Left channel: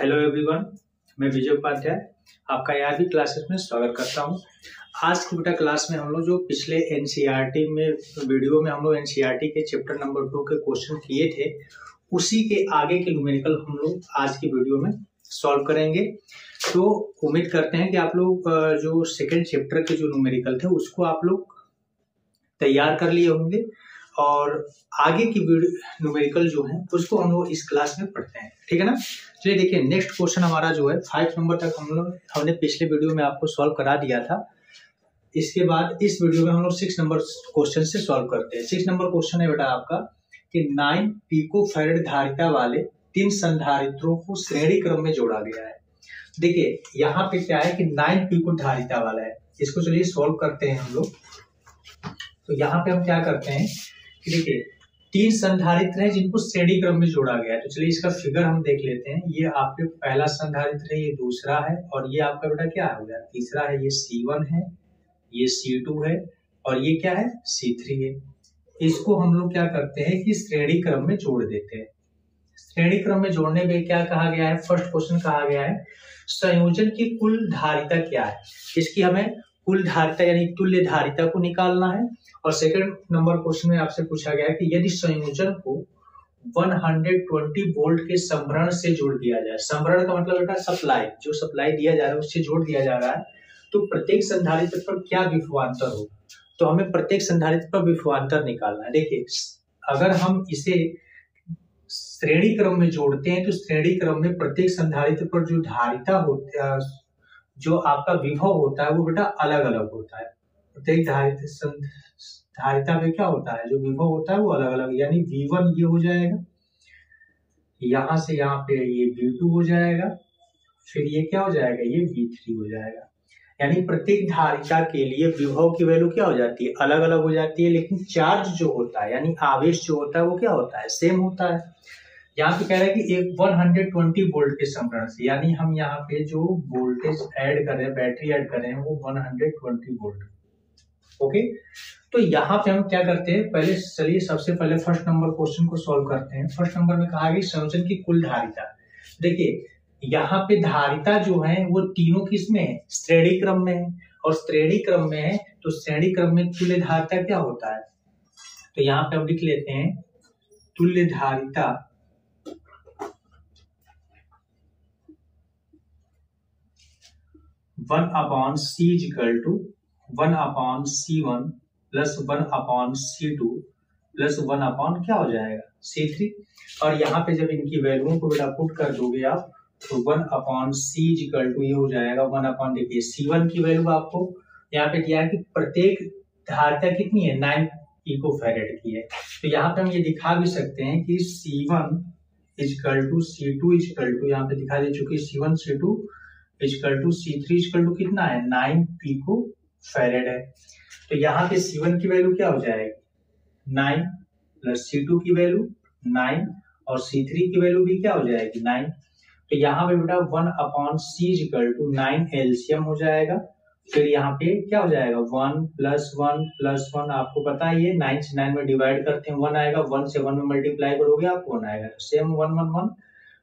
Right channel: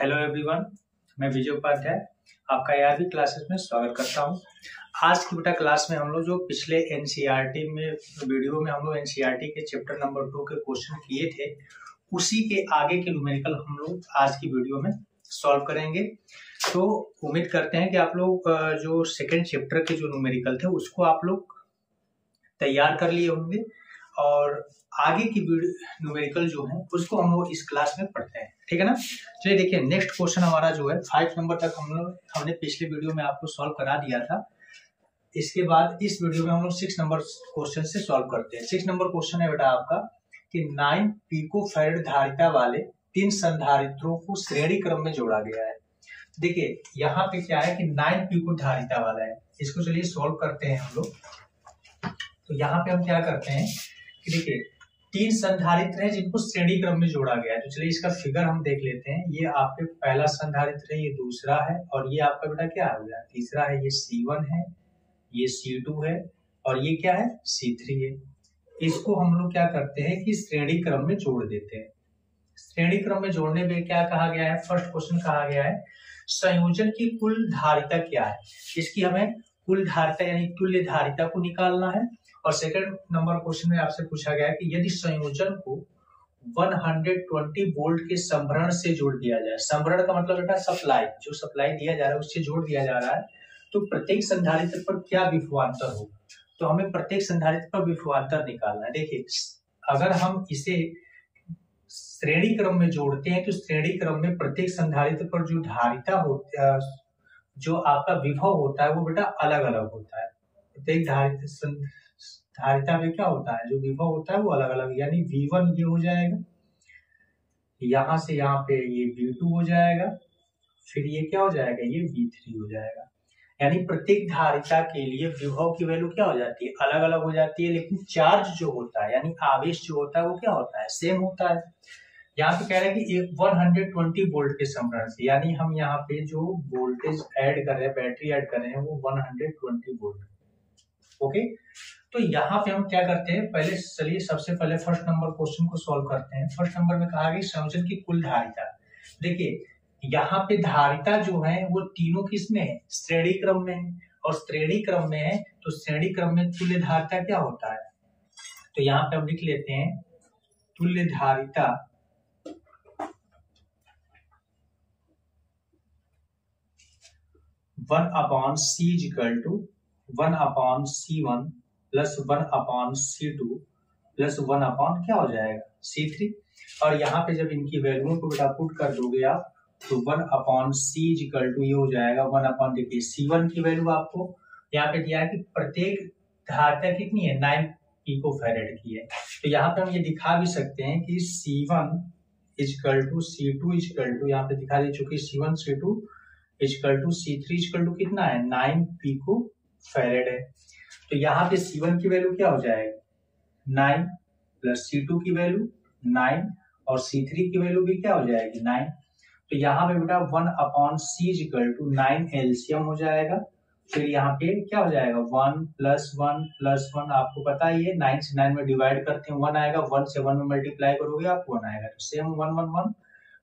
Hello everyone, मैं विजय उपाध्याय आपका ARV classes में स्वागत करता हूं। आज की बेटा क्लास में हम लोग जो पिछले एनसीईआरटी में वीडियो में हम लोग एनसीईआरटी के चैप्टर नंबर 2 के क्वेश्चन किए थे, उसी के आगे के न्यूमेरिकल हम लोग आज की वीडियो में सॉल्व करेंगे। तो उम्मीद करते हैं कि आप लोग जो सेकेंड चैप्टर के जो न्यूमेरिकल थे उसको आप लोग तैयार कर लिए होंगे और आगे की न्यूमेरिकल जो है उसको हम लोग इस क्लास में पढ़ते हैं, ठीक है ना। चलिए देखिए, नेक्स्ट क्वेश्चन हमारा जो है 5 नंबर तक हमने पिछले वीडियो में आपको सॉल्व करा दिया था। इसके बाद इस वीडियो में हम लोग 6 नंबर क्वेश्चन से सॉल्व करते हैं। 6 नंबर क्वेश्चन है बेटा आपका कि 9 पिकोफैरेड धारिता वाले 3 संधारित्रों को श्रेणी क्रम में जोड़ा गया है। देखिए यहाँ पे क्या है कि 9 पिको धारिता वाला है, इसको चलिए सॉल्व करते हैं हम लोग। तो यहाँ पे हम क्या करते हैं कि देखिए 3 संधारित्र हैं जिनको श्रेणी क्रम में जोड़ा गया है। तो चलिए इसका फिगर हम देख लेते हैं। ये आपके पहला संधारित्र है, ये दूसरा है और ये आपका बेटा क्या हो गया, तीसरा है। ये C1 है, ये C2 है और ये क्या है, C3 है। इसको हम लोग क्या करते हैं कि श्रेणी क्रम में जोड़ देते हैं। श्रेणी क्रम में जोड़ने में क्या कहा गया है, फर्स्ट क्वेश्चन कहा गया है संयोजन की कुल धारिता क्या है। इसकी हमें कुल धारिता यानी तुल्य धारिता को निकालना है। और सेकंड नंबर क्वेश्चन में आपसे पूछा गया है कि यदि संयोजन को 120 वोल्ट के संभरण से जोड़ दिया जाए, संभरण का मतलब बेटा सप्लाई, जो सप्लाई दिया जा रहा है उससे जोड़ दिया जा रहा है, तो प्रत्येक संधारित्र पर क्या विभवांतर होगा। तो हमें प्रत्येक संधारित्र पर विभवांतर निकालना है। देखिए अगर हम इसे श्रेणी क्रम में जोड़ते हैं तो श्रेणी क्रम में प्रत्येक संधारित्र पर जो धारिता होती है, जो आपका विभव होता है वो बेटा अलग अलग होता है। प्रत्येक धारिता में क्या होता है, जो विभव होता है वो अलग अलग, यानी V1 ये हो जाएगा, यहां से यहाँ पे ये V2 हो जाएगा, फिर ये क्या हो जाएगा, ये V3 हो जाएगा। यानी प्रत्येक धारिता के लिए विभव की वैल्यू क्या हो जाती है, अलग अलग हो जाती है, लेकिन चार्ज जो होता है यानी आवेश जो होता है वो क्या होता है, सेम होता है। यहाँ पे कह रहा है कि एक 120 वोल्ट के संभरण से, यानी हम यहाँ पे जो वोल्टेज ऐड कर रहे हैं, बैटरी ऐड कर रहे हैं वो 120 वोल्ट। ओके, तो यहाँ पे हम क्या करते हैं, पहले चलिए सबसे पहले फर्स्ट नंबर क्वेश्चन को सॉल्व करते हैं। फर्स्ट नंबर में कहा गया संयोजन की कुल धारिता। देखिए यहाँ पे धारिता जो है वो तीनों किस में है, श्रेणी क्रम में है, और श्रेणी क्रम में है तो श्रेणी क्रम में तुल्य धारिता क्या होता है। तो यहाँ पे हम लिख लेते हैं तुल्य धारिता 1/C = 1/C1 plus 1/C2 plus 1/ क्या हो जाएगा, C3। और यहाँ पे जब इनकी वैल्यूओं को बेटा पुट कर दोगे आप तो 1/C = ये हो जाएगा 1/, देखिए C1 की वैल्यू आपको यहाँ पे दिया है कि प्रत्येक धारिता कितनी है, 9 पिकोफैरेड की है। तो यहाँ पे हम ये दिखा भी सकते हैं कि C1 = C2 = यहाँ पे दिखा दे चुकी, C1 C2 = C3 = कितना है, 9 पिकोफैरेड है। तो यहाँ पे C1 की वैल्यू क्या हो जाएगी, 9 प्लस C2 की वैल्यू 9 और C3 की वैल्यू भी क्या हो जाएगी, 9। तो यहाँ पे बेटा 1/C = 9 एलसीएम हो जाएगा। फिर यहाँ पे क्या हो जाएगा, 1 + 1 + 1, आपको पता ही है 9 से 9 में डिवाइड करते हैं 1 आएगा, 1 से 1 में मल्टीप्लाई करोगे आप 1 आएगा, तो सेम 1 1 1।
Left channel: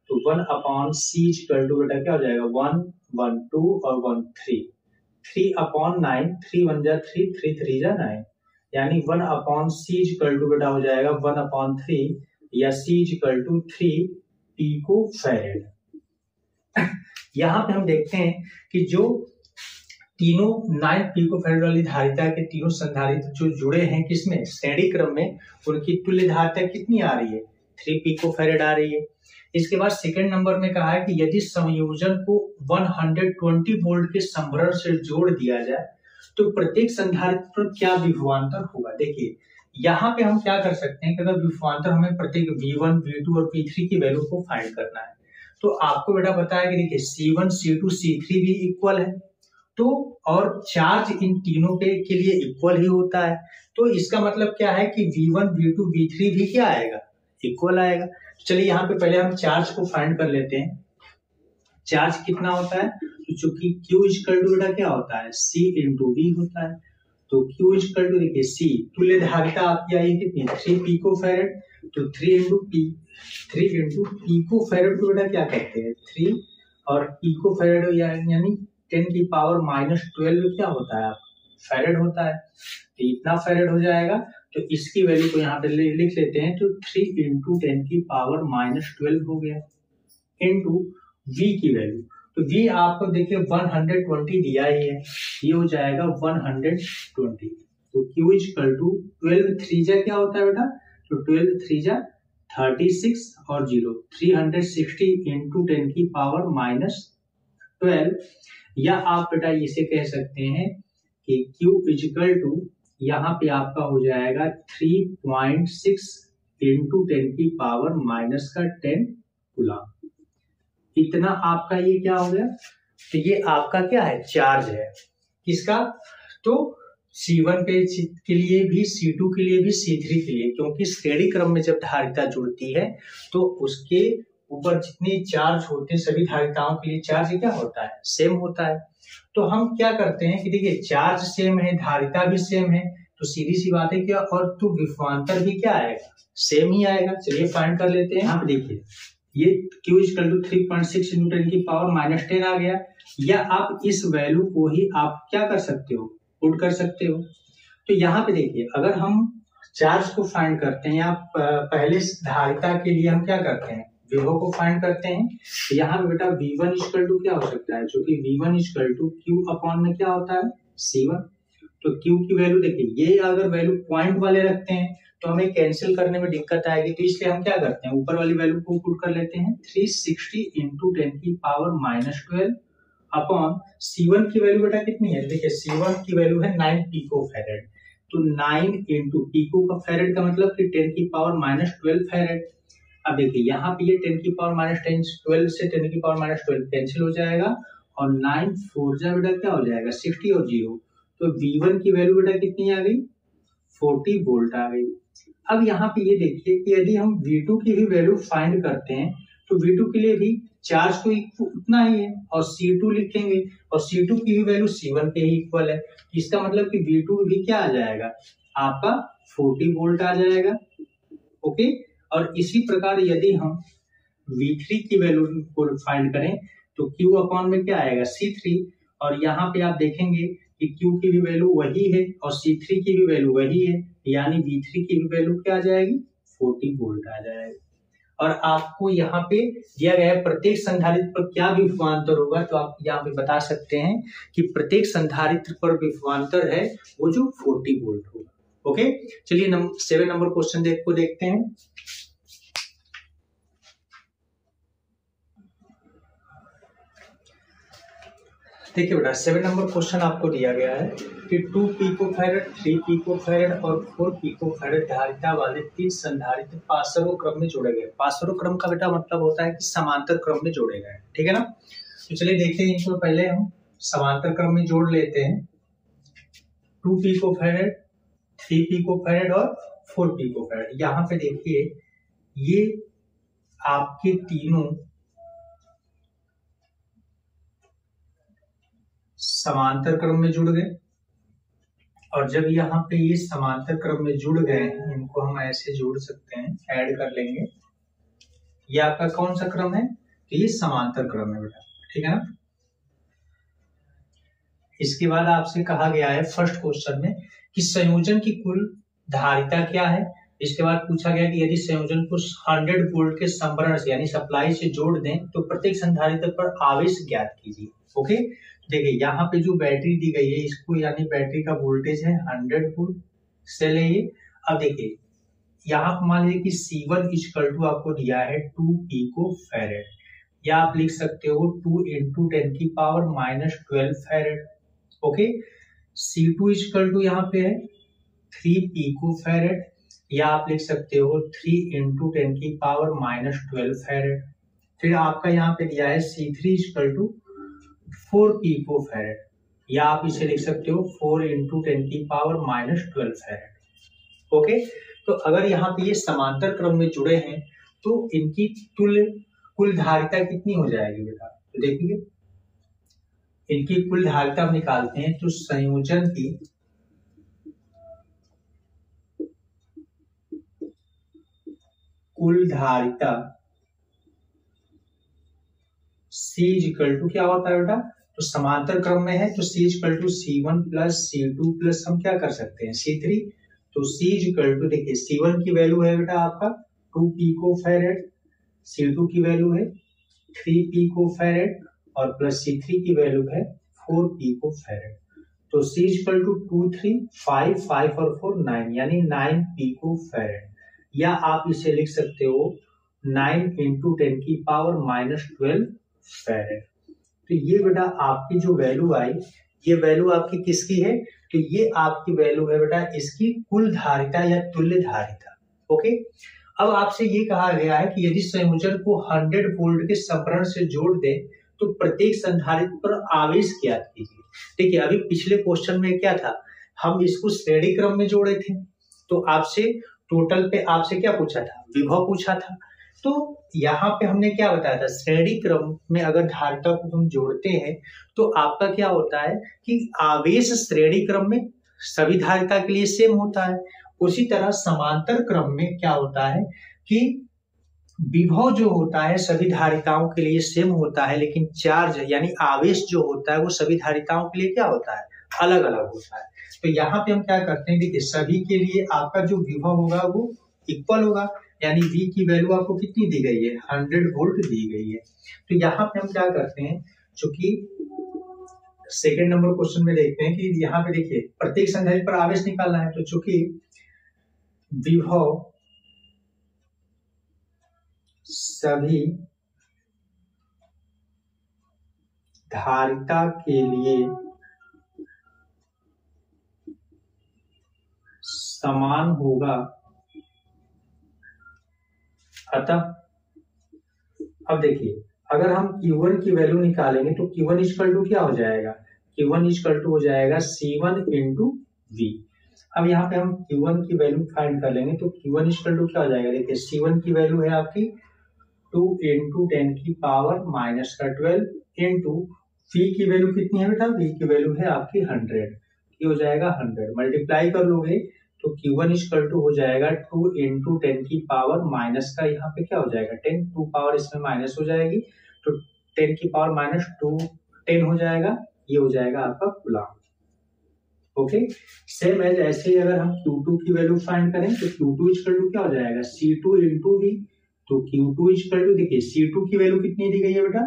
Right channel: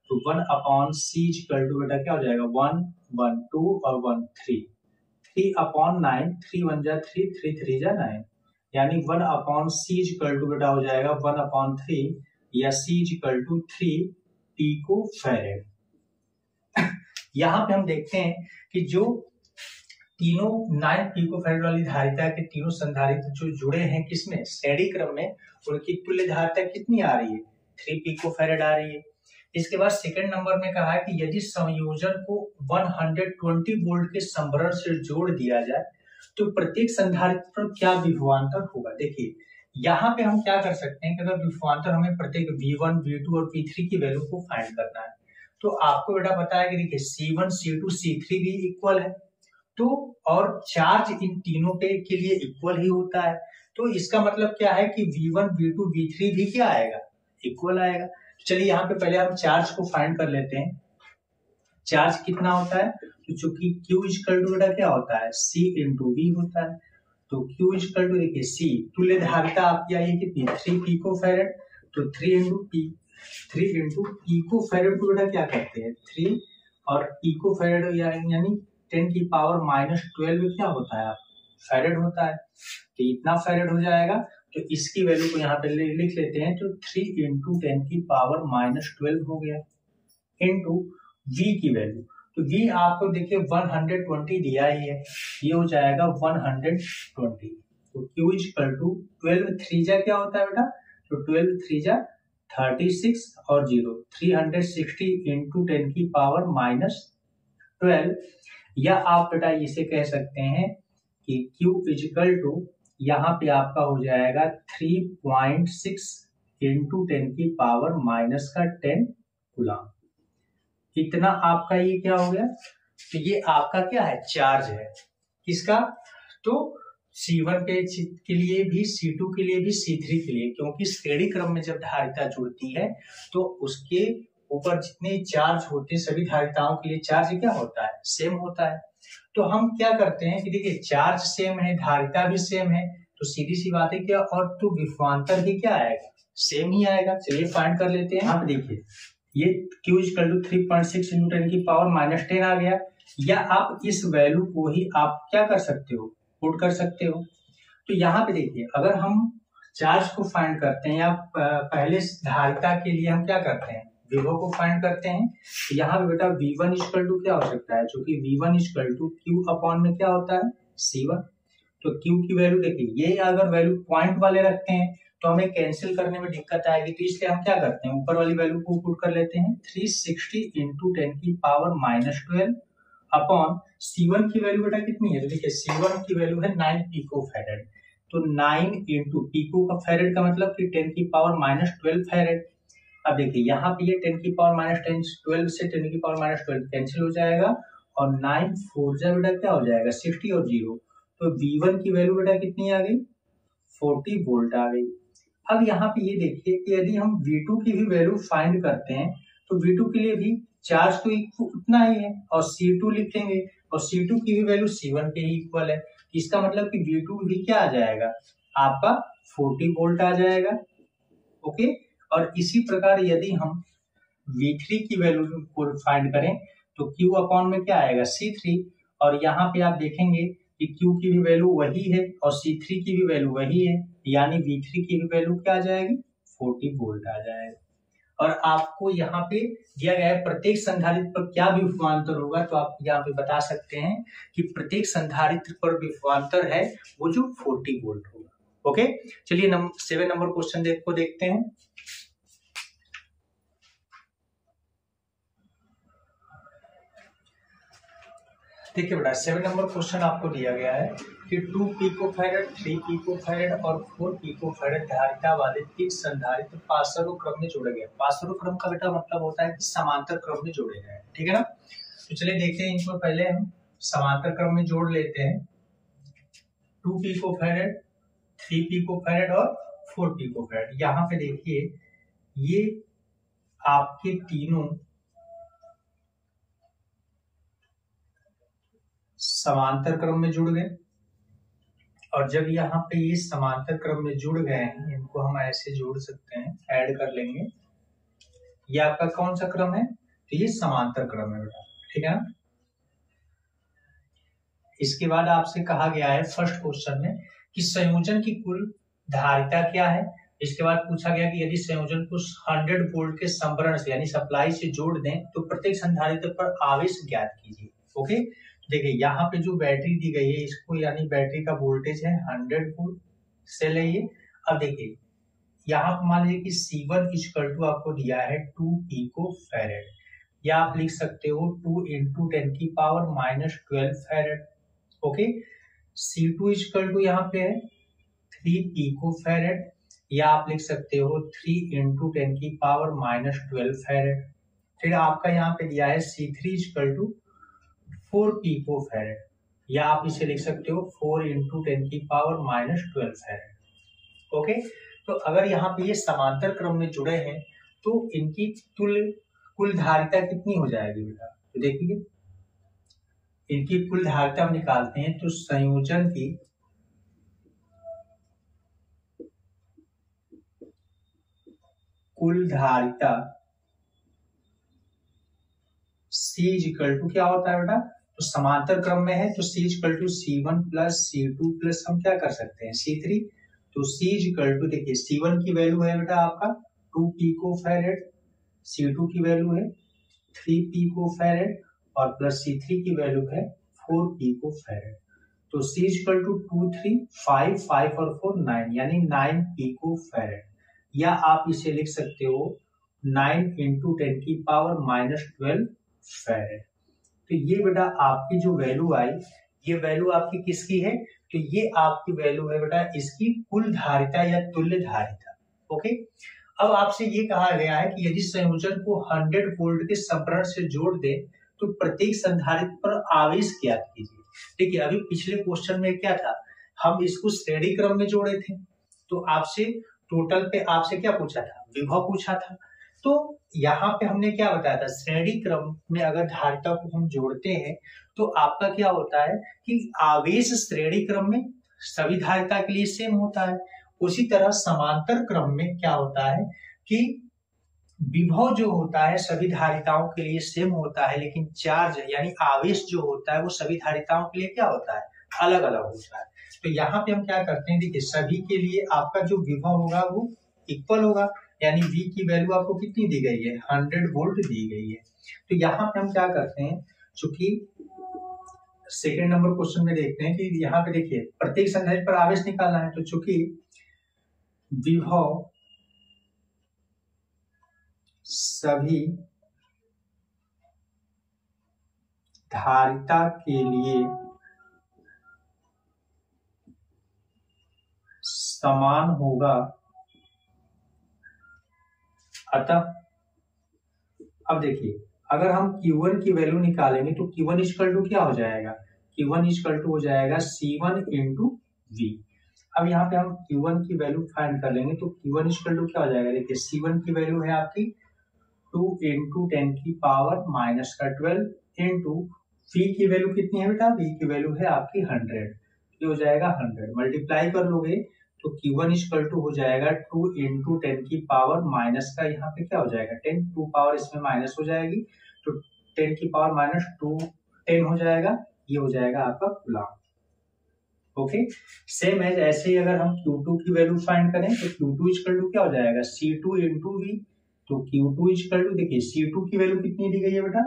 तो 1/C = बेटा क्या हो जाएगा, 1 1 2 और 1 3, 3/9, 3 1 जा 3, 3 3 जा 9, यानी 1/C = बेटा हो जाएगा 1/3 या C = 3 पिकोफैरेड। यहाँ पे हम देखते हैं कि जो तीनों 9 पिकोफैरेड वाली धारिता के तीनों संधारित्र जो जुड़े हैं किसमें, श्रेणी क्रम में, उनकी तुल्य धारिता कितनी आ रही है, 3 पिकोफैरेड आ रही है। इसके बाद सेकंड नंबर में कहा है कि यदि संयोजन को 120 वोल्ट के संभरण से जोड़ दिया जाए तो प्रत्येक संधारित्र पर क्या विभवांतर होगा। देखिए यहाँ पे हम क्या कर सकते हैं कि अगर विभवांतर हमें प्रत्येक V1 V2 और V3 की वैल्यू को फाइंड करना है, तो आपको बेटा पता है कि देखिए C1 C2 C3 भी इक्वल है, तो और चार्ज इन तीनों के लिए इक्वल ही होता है। तो इसका मतलब क्या है कि V1 V2 V3 भी क्या आएगा, इक्वल आएगा। चलिए यहाँ पे पहले हम चार्ज को फाइंड कर लेते हैं। चार्ज कितना होता है, तो चूंकि Q = बेटा क्या होता है, C × V होता है। तो Q = देखिए C, तुल्य धारिता आपकी आई है कितनी, 3 पिकोफैरेड, तो 3 × 3 इंटू पिको फैरेड को बेटा क्या कहते हैं 3 और पिको फैरेड यानी 10 की पावर -12 क्या होता है आप फैरेड होता है, तो इतना फैरेड हो जाएगा। तो इसकी वैल्यू को यहाँ पे लिख लेते हैं, तो 3 इंटू 10 की पावर -12 हो गया इंटू v की वैल्यू, तो v आपको देखिए 120 दिया ही है, ये हो जाएगा 120। तो q इक्वल टू 12 3 क्या होता है बेटा, तो 12 3 36 और 0 360 इंटू 10 की पावर -12, या आप बेटा इसे कह सकते हैं कि q इक्वल टू यहाँ पे आपका हो जाएगा 3.6 इंटू 10 की पावर -10 कूलम। इतना आपका ये क्या हो गया, तो ये आपका क्या है चार्ज है किसका, तो C1 के लिए भी C2 के लिए भी C3 के लिए, क्योंकि श्रेणी क्रम में जब धारिता जुड़ती है तो उसके ऊपर जितने चार्ज होते हैं सभी धारिताओं के लिए चार्ज क्या होता है सेम होता है। तो हम क्या करते हैं कि देखिए चार्ज सेम है धारिता भी सेम है, तो सीधी सी बात है क्या, और तो विभवांतर भी क्या आएगा सेम ही आएगा। चलिए फाइंड कर लेते हैं। यहाँ पे देखिए ये Q इक्वल टू 3.6 इंटू 10 की पावर -10 आ गया, या आप इस वैल्यू को ही आप क्या कर सकते हो पुट कर सकते हो। तो यहाँ पे देखिए अगर हम चार्ज को फाइंड करते हैं या पहले धारिता के लिए हम क्या करते हैं विभव को फाइंड करते हैं, तो यहाँ पे बेटा V1 इक्वल टू क्या हो सकता है, जो कि V1 equal to Q upon में क्या होता है C1। तो Q की वैल्यू देखिए ये अगर वैल्यू पॉइंट वाले रखते हैं तो हमें कैंसिल करने में दिक्कत आएगी, तो इसलिए हम क्या करते हैं ऊपर वाली वैल्यू को पुट कर लेते हैं 360 इंटू 10 की पावर -12 अपॉन C1 की वैल्यू बेटा कितनी है, देखिए C1 की वैल्यू है 9 पिको फैरेड, तो 9 इंटू पिको का फैरेड का मतलब कि 10 की पावर -12 फैरेड। अब देखिए यहाँ पे ये 10 की पावर -12 से 10 की पावर -12 कैंसिल हो जाएगा, और 9 4 जा बेटा क्या हो जाएगा 60 और 0, तो V1 की वैल्यू बेटा कितनी आ गई 40 वोल्ट आ गई। अब यहाँ पे ये देखिए कि यदि हम V2 की भी वैल्यू फाइंड करते हैं तो V2 के लिए भी चार्ज तो उतना ही है और C2 लिखेंगे, और C2 की भी वैल्यू C1 के ही इक्वल है, इसका मतलब कि V2 भी क्या आ जाएगा आपका 40 वोल्ट आ जाएगा। ओके, और इसी प्रकार यदि हम V3 की वैल्यू को फाइंड करें तो Q अपॉन में क्या आएगा C3, और यहाँ पे आप देखेंगे कि Q की भी वैल्यू वही है और C3 की भी वैल्यू वही है, यानी V3 की भी वैल्यू क्या आ जाएगी 40 वोल्ट आ जाएगा। और आपको यहाँ पे दिया गया है प्रत्येक संधारित्र पर क्या विभवांतर होगा, तो आप यहाँ पे बता सकते हैं कि प्रत्येक संधारित्र पर विभवांतर है वो जो 40 वोल्ट होगा। ओके, चलिए 7 नंबर क्वेश्चन देखते हैं। देखिए बेटा 7 नंबर क्वेश्चन आपको दिया गया है कि 2 पिको फैरेड 3 पिको फैरेड और 4 पिको फैरेड धारिता वाले 3 संधारित्र पाशरों क्रम में जोड़े गए। पाशरों क्रम का बेटा मतलब होता है कि समांतर क्रम में जोड़े गए, ठीक है ना। तो चलिए देखते हैं इनको पहले हम समांतर क्रम में जोड़ लेते हैं। 2 पिको फैरेड 3 पिको फैरेड और 4 पिको फैरेड। यहाँ पे देखिए ये आपके तीनों समांतर क्रम में जुड़ गए, और जब यहाँ पे ये समांतर क्रम में जुड़ गए हैं इनको हम ऐसे जोड़ सकते हैं, ऐड कर लेंगे। ये आपका कौन सा क्रम है, तो ये समांतर क्रम है बेटा, ठीक है ना। इसके बाद आपसे कहा गया है फर्स्ट क्वेश्चन में कि संयोजन की कुल धारिता क्या है। इसके बाद पूछा गया कि यदि संयोजन को 100 वोल्ट के संभरण से यानी सप्लाई से जोड़ दें तो प्रत्येक संधारित्र पर आवेश ज्ञात कीजिए। ओके, देखिए यहाँ पे जो बैटरी दी गई है इसको यानी बैटरी का वोल्टेज है 100 वोल्ट से लिए। अब देखिए यहाँ पर मान लीजिए कि C1 इक्वल टू आपको दिया है 2 पिको फैरेड, या आप लिख सकते हो 2 इंटू 10 की power -12 farad. Okay, C2 equal to यहाँ पे है 3 पिको फैरेड, या आप लिख सकते हो 3 इंटू 10 की पावर -12 फैरेड। फिर आपका यहाँ पे दिया है C3 equal to 4 pico farad, या आप इसे लिख सकते हो 4 इंटू 10 की पावर -12 फैरेड। ओके, तो अगर यहाँ पे ये समांतर क्रम में जुड़े हैं तो इनकी कुल धारिता कितनी हो जाएगी बेटा, तो देखिए इनकी कुल धारिता हम निकालते हैं तो संयोजन की कुल धारिता C इक्वल टू क्या होता है बेटा, तो समांतर क्रम में है तो C equal to C1 plus C2 plus हम क्या कर सकते हैं C3। तो C इक्वल टू देखिए C1 की वैल्यू है बेटा आपका 2 पिकोफैरेड, C2 की वैल्यू है 3 पिकोफैरेड और प्लस C3 की वैल्यू है 4 पिकोफैरेड। तो C इक्वल टू 2 3 5 5 और 4 9 यानी 9 पिकोफैरेड, या आप इसे लिख सकते हो 9 इंटू 10 की पावर माइनस 12 फैरेड। तो ये बेटा आपकी जो वैल्यू आई, ये वैल्यू आपकी किसकी है, तो ये आपकी वैल्यू है बेटा इसकी कुल धारिता या तुल्य धारिता। ओके, अब आपसे ये कहा गया है कि यदि संयोजन को 100 वोल्ट के संभरण से जोड़ दे तो प्रत्येक संधारित्र पर आवेश ज्ञात कीजिए। देखिए अभी पिछले क्वेश्चन में क्या था, हम इसको श्रेणी क्रम में जोड़े थे, तो आपसे टोटल पे आपसे क्या पूछा था, विभव पूछा था। तो यहाँ पे हमने क्या बताया था, श्रेणी क्रम में अगर धारिता को हम जोड़ते हैं तो आपका क्या होता है कि आवेश श्रेणी क्रम में सभी धारिता के लिए सेम होता है। उसी तरह समांतर क्रम में क्या होता है कि विभव जो होता है सभी धारिताओं के लिए सेम होता है, लेकिन चार्ज यानी आवेश जो होता है वो सभी धारिताओं के लिए क्या होता है, अलग अलग होता है। तो यहाँ पे हम क्या करते हैं, देखिए सभी के लिए आपका जो विभव होगा वो इक्वल होगा, यानी V की वैल्यू आपको कितनी दी गई है, 100 वोल्ट दी गई है। तो यहाँ पे हम क्या करते हैं, चूंकि सेकेंड नंबर क्वेश्चन में देखते हैं कि यहाँ पे देखिए प्रत्येक संधारित्र पर आवेश निकालना है, तो चूंकि विभव सभी धारिता के लिए समान होगा, अतः अब देखिए अगर हम Q1 की वैल्यू निकालेंगे तो Q1 इक्वल टू क्या हो जाएगा, Q1 इक्वल टू हो जाएगा C1 इंटू V। अब यहाँ पे हम Q1 की वैल्यू फाइंड कर लेंगे तो Q1 इक्वल टू क्या हो जाएगा, देखिए C1 की वैल्यू है आपकी 2 इंटू 10 की पावर माइनस का 12 इंटू V की वैल्यू कितनी है बेटा, V की वैल्यू है आपकी 100, ये हो जाएगा 100, मल्टीप्लाई कर लोगे तो Q1 इक्वल टू हो जाएगा 2 इंटू 10 की पावर माइनस का यहाँ पे क्या हो जाएगा 10, 2 पावर इसमें माइनस हो जाएगी तो 10 की पावर माइनस 2 10 हो जाएगा, ये हो जाएगा आपका कूलम्ब। ओके, सेम एज ऐसे ही अगर हम Q2 की वैल्यू फाइंड करें तो Q2 इक्वल टू क्या हो जाएगा C2 इंटू V। तो Q2 इक्वल टू देखिए C2 की वैल्यू कितनी दी गई है बेटा,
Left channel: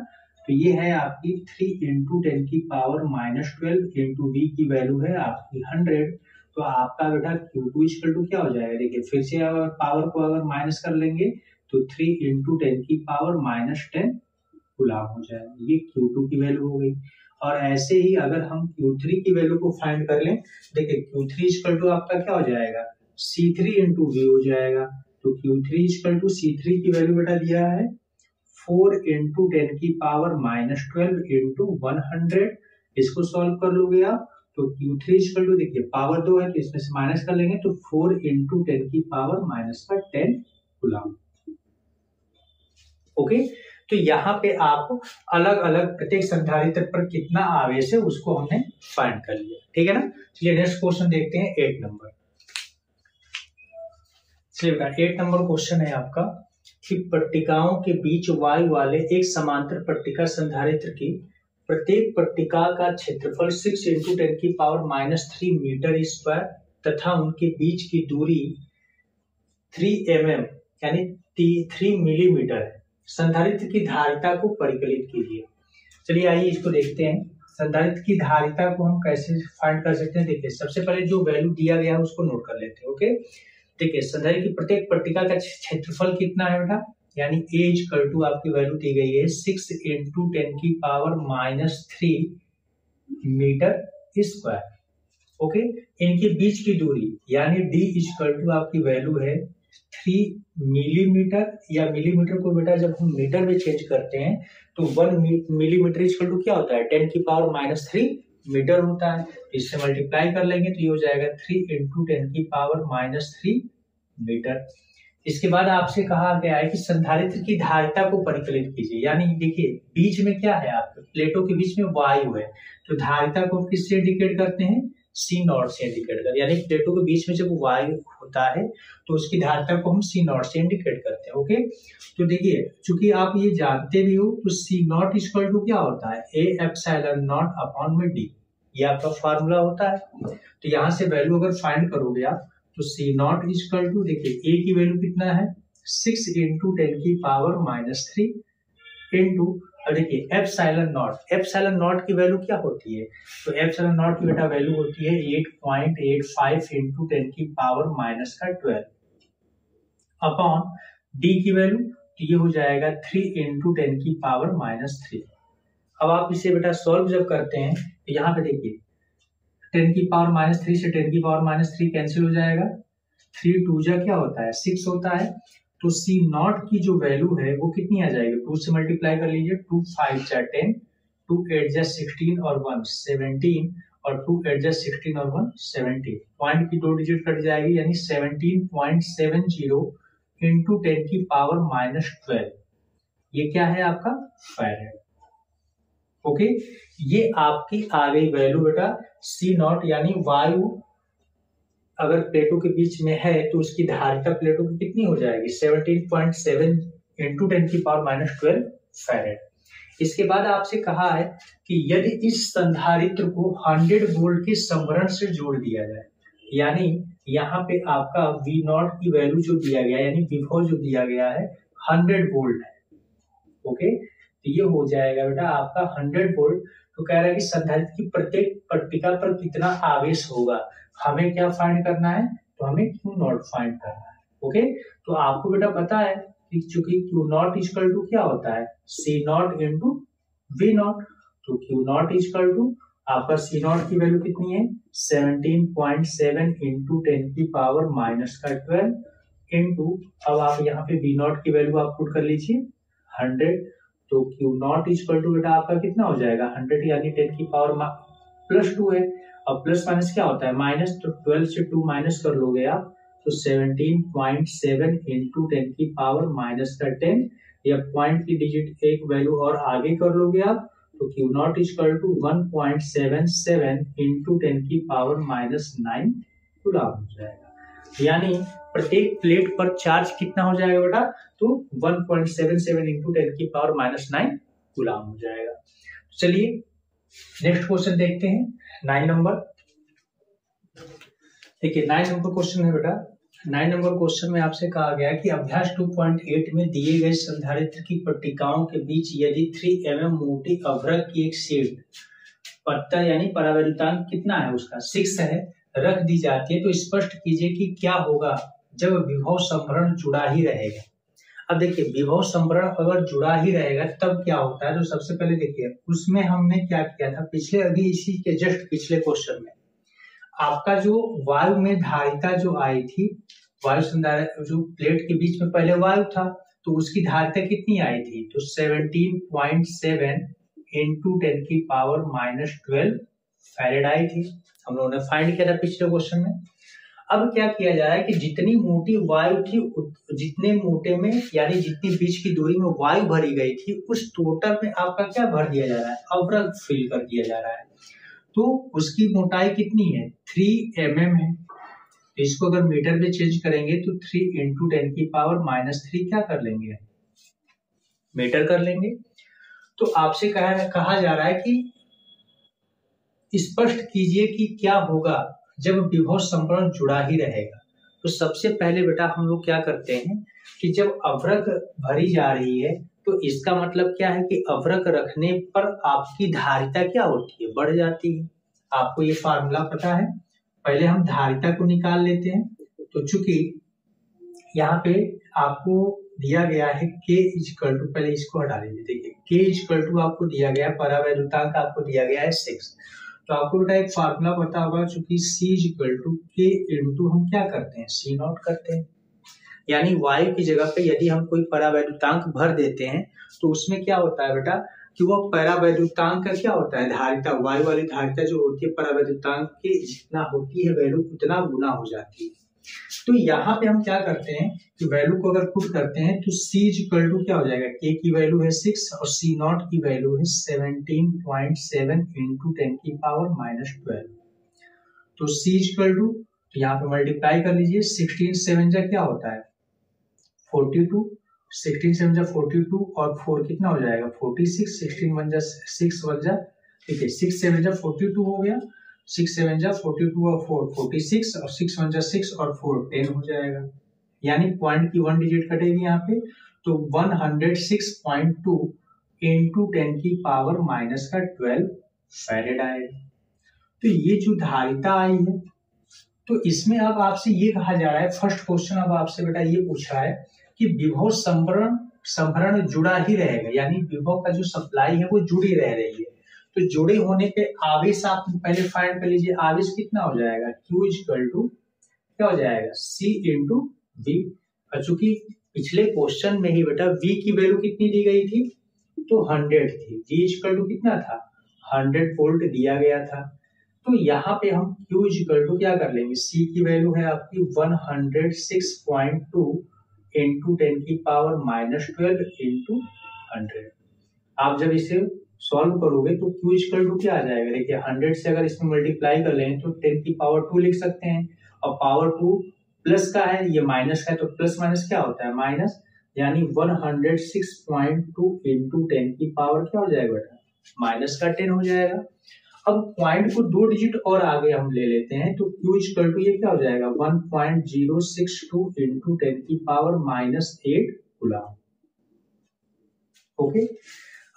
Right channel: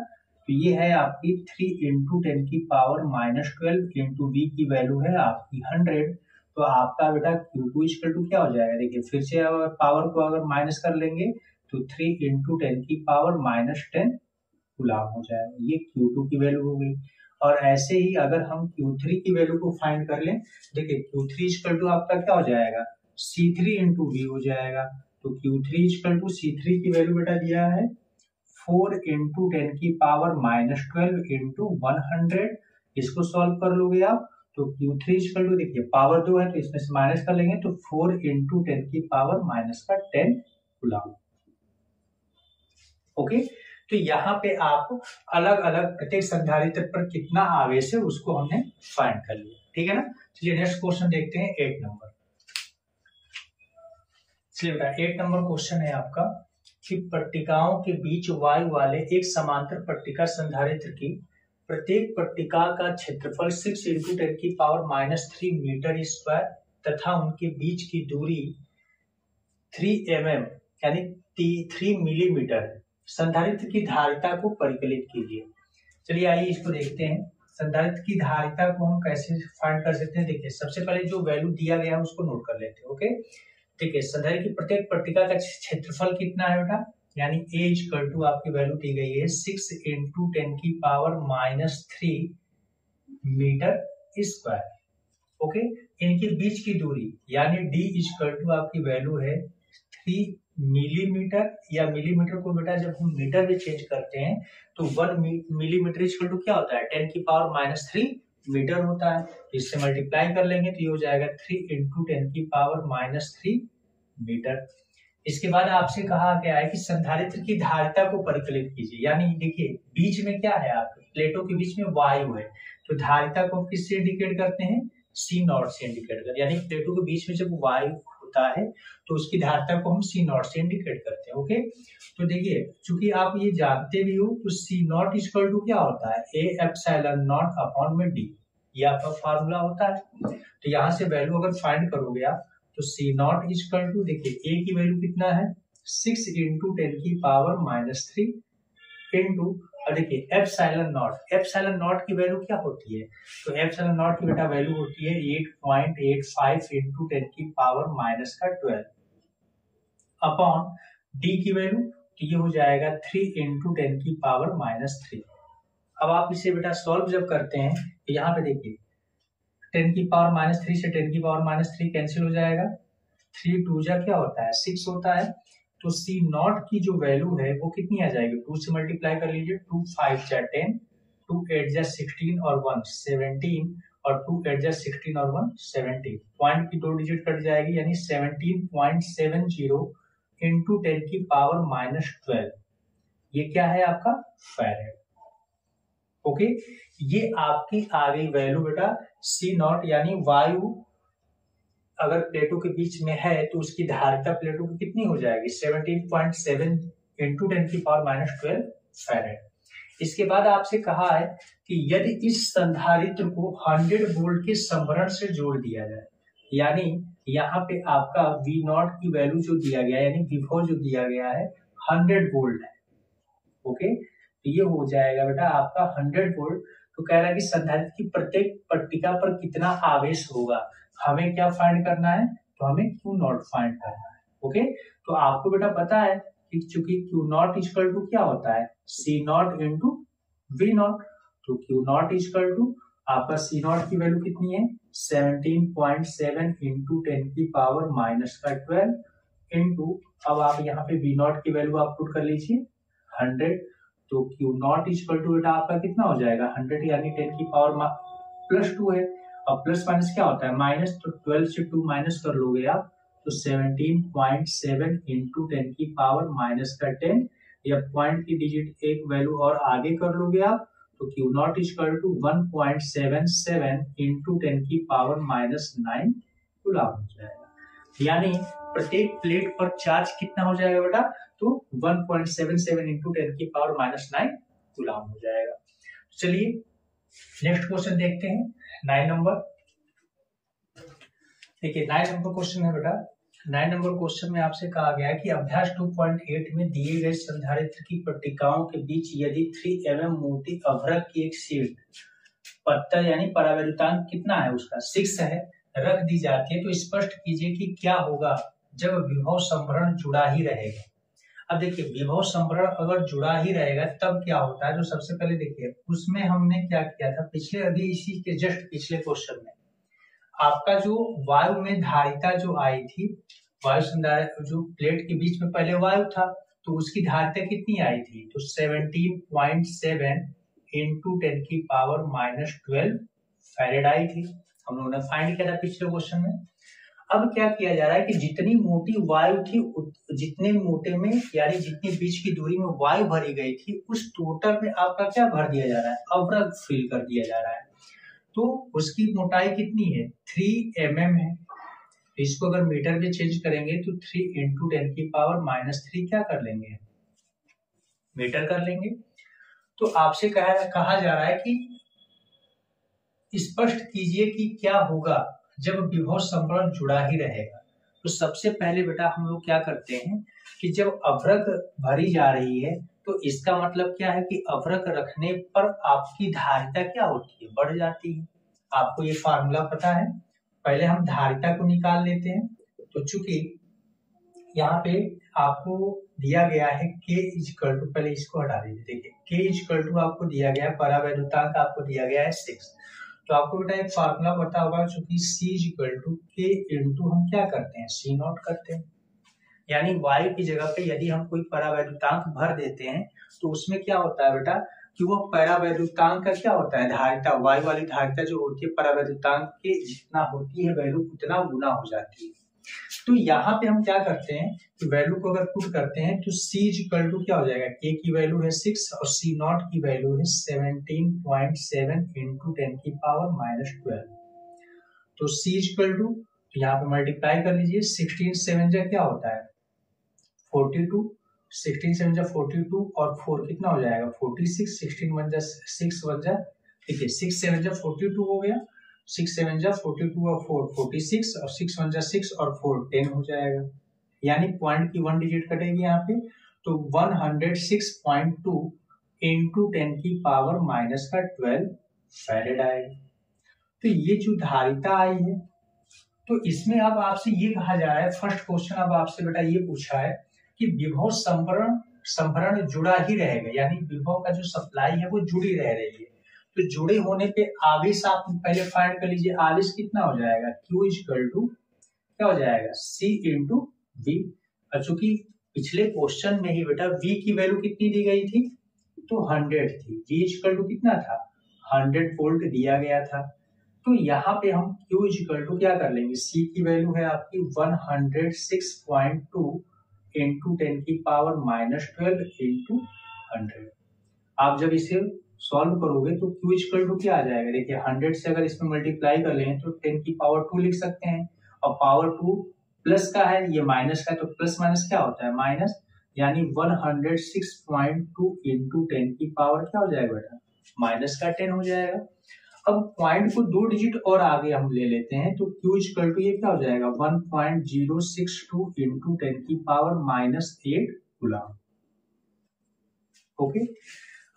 तो ये है आपकी 3 इंटू 10 की पावर माइनस 12 इंटू V की वैल्यू है आपकी 100। तो आपका बेटा Q2 इक्वल टू क्या हो जाएगा, देखिए फिर से अगर पावर को अगर माइनस कर लेंगे तो 3 इंटू 10 की पावर माइनस 10 कूलम्ब हो जाएगा, ये Q2 की वैल्यू हो गई। और ऐसे ही अगर हम Q3 की वैल्यू को फाइंड कर लें, देखिए Q3 इक्वल टू आपका क्या हो जाएगा C3 इंटू V हो जाएगा। तो Q3 इक्वल टू C3 की वैल्यू बेटा दिया है 4 इंटू 10 की पावर माइनस 12 इंटू 100। इसको सॉल्व कर लोगे आप तो Q3 इक्वल टू देखिए पावर 2 है तो इसमें से माइनस कर लेंगे तो 4 इंटू 10 की पावर माइनस का 10 कूलम्ब। ओके, तो यहाँ पे आप अलग अलग प्रत्येक संधारित्र पर कितना आवेश है उसको हमने फाइंड कर लिया, ठीक है ना। चलिए नेक्स्ट क्वेश्चन देखते हैं 8 नंबर। चलिए बेटा 8 नंबर क्वेश्चन है आपका कि पट्टिकाओं के बीच वायु वाले एक समांतर पट्टिका संधारित्र की प्रत्येक पट्टिका का क्षेत्रफल 6 इंटू 10 की पावर माइनस 3 मीटर स्क्वायर तथा उनके बीच की दूरी 3 mm यानी 3 मिलीमीटर है। संधारित्र की धारिता को परिकलित कीजिए। चलिए आइए इसको देखते हैं, संधारित्र की धारिता को हम कैसे फाइंड कर सकते हैं। देखिए सबसे पहले जो वैल्यू दिया गया है उसको नोट कर लेते हैं। ओके, देखिए संधारित्र की प्रत्येक पट्टिका का क्षेत्रफल कितना है बेटा, यानी A इक्वल टू आपकी वैल्यू दी गई है 6 इंटू 10 की power minus 3 metre square. Okay, इनके बीच की दूरी यानी D इक्वल टू आपकी वैल्यू है 3 मिलीमीटर, या मिलीमीटर को बेटा जब हम मीटर में चेंज करते हैं तो 1 मिलीमीटर इक्वल टू क्या होता है 10 की पावर माइनस 3 मीटर होता है। इससे मल्टीप्लाई कर लेंगे तो ये हो जाएगा 3 इंटू 10 की पावर माइनस 3 मीटर। इसके बाद आपसे कहा गया है कि संधारित्र की धारिता को परिकलित कीजिए, यानी देखिए बीच में क्या है आपके प्लेटों के बीच में वायु है तो धारिता को किससे इंडिकेट करते हैं, सी नॉट से इंडिकेट करते हैं, यानी प्लेटों के बीच में जब वायु होता है तो उसकी धारिता को हम सी नॉट से इंडिकेट करते हैं। ओके, तो देखिए चूंकि आप ये जानते भी हो तो सी नॉट इक्वल टू क्या होता है, ए एप्सिलॉन नॉट अपॉन में डी, ये आपका फार्मूला होता है। तो यहाँ से वैल्यू अगर फाइंड करोगे आप तो सी नॉट इक्वल टू, देखिए ए की वैल्यू कितना है 6 इंटू 10 की पावर -3 इंटू, अब देखिए एप्सिलॉन नॉट की वैल्यू क्या होती है, तो एप्सिलॉन नॉट की बेटा वैल्यू होती है 8.85 इंटू 10 की पावर -12 अपॉन डी की वैल्यू, तो ये हो जाएगा 3 इंटू 10 की पावर -3। अब आप इसे बेटा सॉल्व जब करते हैं तो यहाँ पे देखिए 10 की पावर -3 से 10 की पावर -3 कैंसिल हो जाएगा, 3 2 जा क्या होता है 6 होता है, तो सी नॉट की जो वैल्यू है वो कितनी आ जाएगी, 2 से मल्टीप्लाई कर लीजिए, 2 5 जा 10, 2 8 जा 16 और 1 17 और 2 8 जा 16 और 1 17, पॉइंट की 2 डिजिट कट जाएगी यानी 17.70 इंटू 10 की पावर -12, ये क्या है आपका फैराड। ओके, ये आपकी आ गई वैल्यू बेटा सी नॉट, यानी वायु अगर प्लेटों के बीच में है तो उसकी धारिता प्लेटों की कितनी हो जाएगी 17.7 इंटू 10 की पावर -12 फैराड। इसके बाद आपसे कहा है कि यदि इस संधारित्र को 100 वोल्ट के संभरण से जोड़ दिया जाए, यानी यहाँ पे आपका V नॉट की वैल्यू जो दिया गया है यानी विभव जो दिया गया है 100 वोल्ट है। ओके, तो ये हो जाएगा बेटा आपका 100 वोल्ट। तो कह रहा है कि संधारित्र की प्रत्येक पट्टिका पर कितना आवेश होगा, हमें क्या फाइंड करना है, तो हमें Q नॉट फाइंड करना है। ओके, तो आपको बेटा पता है कि चूंकि Q नॉट इक्वल टू क्या होता है C not into V not, तो Q नॉट इक्वल टू आपका C नॉट की वैल्यू कितनी है 17.7 इंटू 10 की पावर -12 इंटू, अब आप यहाँ पे V नॉट की वैल्यू आप पुट कर लीजिए 100, तो Q नॉट इक्वल टू बेटा आपका कितना हो जाएगा 100 यानी 10 की पावर +2 है, और प्लस माइनस क्या होता है माइनस, तो 12 से 2 माइनस कर लोगे आप तो 17.7 इंटू 10 की पावर -10, या पॉइंट की डिजिट एक वैल्यू और आगे कर लोगे आप तो Q not equal to 1.77 into 10 की पावर -9 कूलम हो जाएगा, यानी प्रत्येक प्लेट पर चार्ज कितना हो जाएगा बेटा, तो 1.77 इंटू 10 की पावर -9 कूलम हो जाएगा। चलिए नेक्स्ट क्वेश्चन देखते हैं 9 नंबर। देखिए 9 नंबर क्वेश्चन है बेटा, 9 नंबर क्वेश्चन में आपसे कहा गया है कि अभ्यास 2.8 में दिए गए संधारित्र की पट्टिकाओं के बीच यदि 3 mm मोटी अभ्रक की एक शीट पत्ता यानी परावैद्युतांक कितना है उसका 6 है रख दी जाती है, तो स्पष्ट कीजिए कि क्या होगा जब विभव संभरण जुड़ा ही रहेगा। अब देखिए विभव संभरण अगर जुड़ा ही रहेगा तब क्या होता है, तो सबसे पहले देखिए उसमें हमने क्या किया था पिछले, अभी इसी के जस्ट पिछले क्वेश्चन में आपका जो वायु में धारिता जो आई थी, वायु संधारित्र जो प्लेट के बीच में पहले वायु था तो उसकी धारिता कितनी आई थी, तो 17.7 इंटू 10 की पावर -12 फैरेड आई थी, हम लोगों ने फाइंड किया था पिछले क्वेश्चन में। अब क्या किया जा रहा है कि जितनी मोटी वायु थी जितने मोटे में यानी जितनी बीच की दूरी में वायु भरी गई थी उस टोटल में आपका क्या भर दिया जा रहा है, अवरक फिल कर दिया जा रहा है, तो उसकी मोटाई कितनी है 3 mm है, इसको अगर मीटर में चेंज करेंगे तो 3 इंटू 10 की पावर -3 क्या कर लेंगे मीटर कर लेंगे। तो आपसे कहा जा रहा है कि स्पष्ट कीजिए कि क्या होगा जब विभव संभरण जुड़ा ही रहेगा। तो सबसे पहले बेटा हम लोग क्या करते हैं कि जब अवरक भरी जा रही है तो इसका मतलब क्या है कि अवरक रखने पर आपकी धारिता क्या होती है बढ़ जाती है। आपको ये फार्मूला पता है, पहले हम धारिता को निकाल लेते हैं। तो चूंकि यहाँ पे आपको दिया गया है K इक्वल टू, पहले इसको हटा दीजिए, देखिए K इक्वल टू आपको दिया गया है परावैद्युतांक आपको दिया गया है 6, तो आपको बेटा एक फार्मूला पता होगा चूंकि C equal to K into हम क्या करते हैं C नॉट करते हैं, यानी वायु की जगह पे यदि हम कोई परावैद्युतांक भर देते हैं तो उसमें क्या होता है बेटा कि वो परावैद्युतांक का क्या होता है धारिता, वायु वाली धारिता जो होती है परावैद्युतांक के जितना होती है वैल्यू उतना गुना हो जाती है। तो यहाँ पे हम क्या करते हैं कि वैल्यू को अगर पुट करते हैं तो C इक्वल टू क्या हो जाएगा, K की वैल्यू है 6 और C नॉट की वैल्यू है 17.7 इंटू 10 की पावर -12, तो C इक्वल टू, तो यहाँ पे मल्टीप्लाई कर लीजिए, 16 7 जा क्या होता है 42, 16 7 जा 42 और 4 कितना हो जाएगा 46, 16 1 जा 6 1 जा, ठीक है 6 7 जा 42 हो गया, 6 7 जा 42 और 4 46 और 6 1 जा 6 और 4 10 हो जाएगा, यानी पॉइंट की 1 डिजिट कटेगी यहाँ पे, तो 106.2 इंटू 10 की पावर माइनस का 12 फैरेड आएगा। तो ये जो धारिता आई है, तो इसमें अब आपसे ये कहा जा रहा है, फर्स्ट क्वेश्चन अब आपसे बेटा ये पूछा है कि विभव संभरण जुड़ा ही रहेगा, यानी विभव का जो सप्लाई है वो जुड़ी रह रही है। तो जुड़े होने पे आवेश आप पहले फाइंड कर लीजिए, आवेश कितना हो जाएगा Q इक्वल टू क्या हो जाएगा C इंटू V। चूंकि पिछले क्वेश्चन में ही बेटा V की वैल्यू कितनी दी गई थी, तो 100 थी, V इक्वल टू कितना था 100 वोल्ट दिया गया था। तो यहाँ पे हम Q इक्वल टू क्या कर लेंगे, C की वैल्यू है आपकी 106.2 इंटू 10 की पावर माइनस 12 इंटू 100। आप जब इसे सॉल्व करोगे तो Q इक्वल टू क्या आ जाएगा, देखिए 100 से अगर इसमें मल्टीप्लाई कर लें तो 10 की पावर 2 लिख सकते हैं, और पावर 2 प्लस का है, ये माइनस का है, तो प्लस माइनस क्या होता है माइनस, यानी 106.2 इंटू 10 की पावर क्या हो जाएगा बेटा माइनस का 10 हो जाएगा। अब पॉइंट को 2 डिजिट और आगे हम ले लेते हैं, तो Q इक्वल टू ये क्या हो जाएगा 1.062 इंटू 10 की पावर माइनस 8 कूलम। ओके,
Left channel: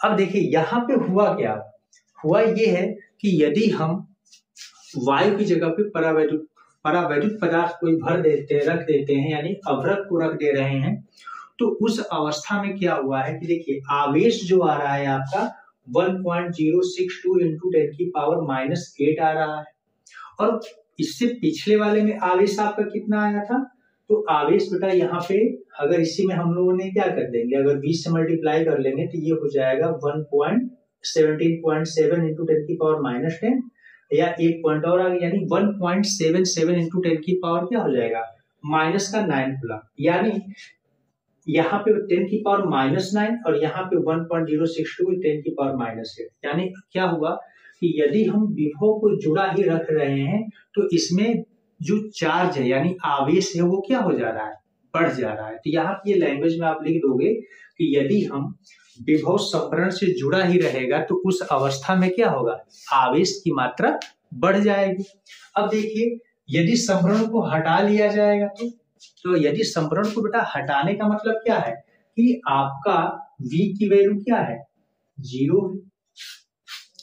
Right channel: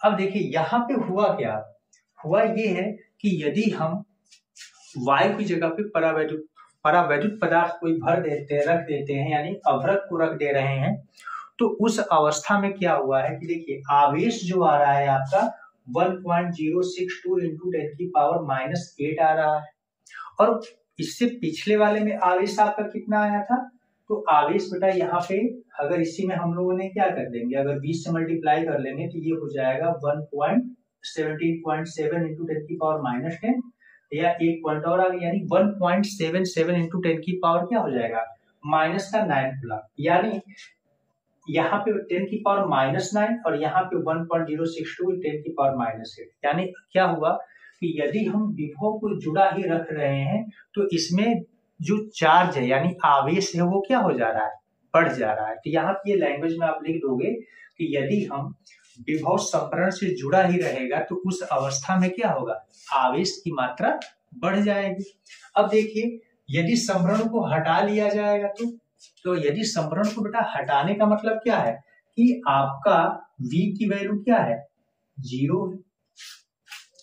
अब देखिए यहाँ पे हुआ क्या, हुआ ये है कि यदि हम वायु की जगह पे परावैद्युत पदार्थ कोई भर देते हैं, रख देते हैं, यानी अभ्रक को रख दे रहे हैं, तो उस अवस्था में क्या हुआ है कि देखिए आवेश जो आ रहा है आपका 1.062 इंटू 10 की पावर माइनस 8 आ रहा है, और इससे पिछले वाले में आवेश आपका कितना आया था, तो आवेश बेटा यहाँ पे अगर इसी में हम लोगों ने क्या कर देंगे, अगर 20 से मल्टीप्लाई कर लेंगे तो ये हो जाएगा 1.17.7 इंटू 10 की पावर माइनस 10, या एक पॉइंट और आ गया, यानी 1.77 इंटू 10 की पावर क्या हो जाएगा माइनस का 9 कूलम, यानी यहाँ पे 10 की पावर माइनस 9 और यहाँ पे 1.062 10 की पावर माइनस 8, यानी क्या हुआ कि यदि हम विभव को जुड़ा ही रख रहे हैं तो इसमें जो चार्ज है यानी आवेश है वो क्या हो जा रहा है, बढ़ जा रहा है। तो यहाँ की लैंग्वेज में आप लिख दोगे कि यदि हम विभव संभरण से जुड़ा ही रहेगा तो उस अवस्था में क्या होगा, आवेश की मात्रा बढ़ जाएगी। अब देखिए यदि संभरण को हटा लिया जाएगा तो यदि संभरण को बेटा हटाने का मतलब क्या है कि आपका V की वैल्यू क्या है 0 है,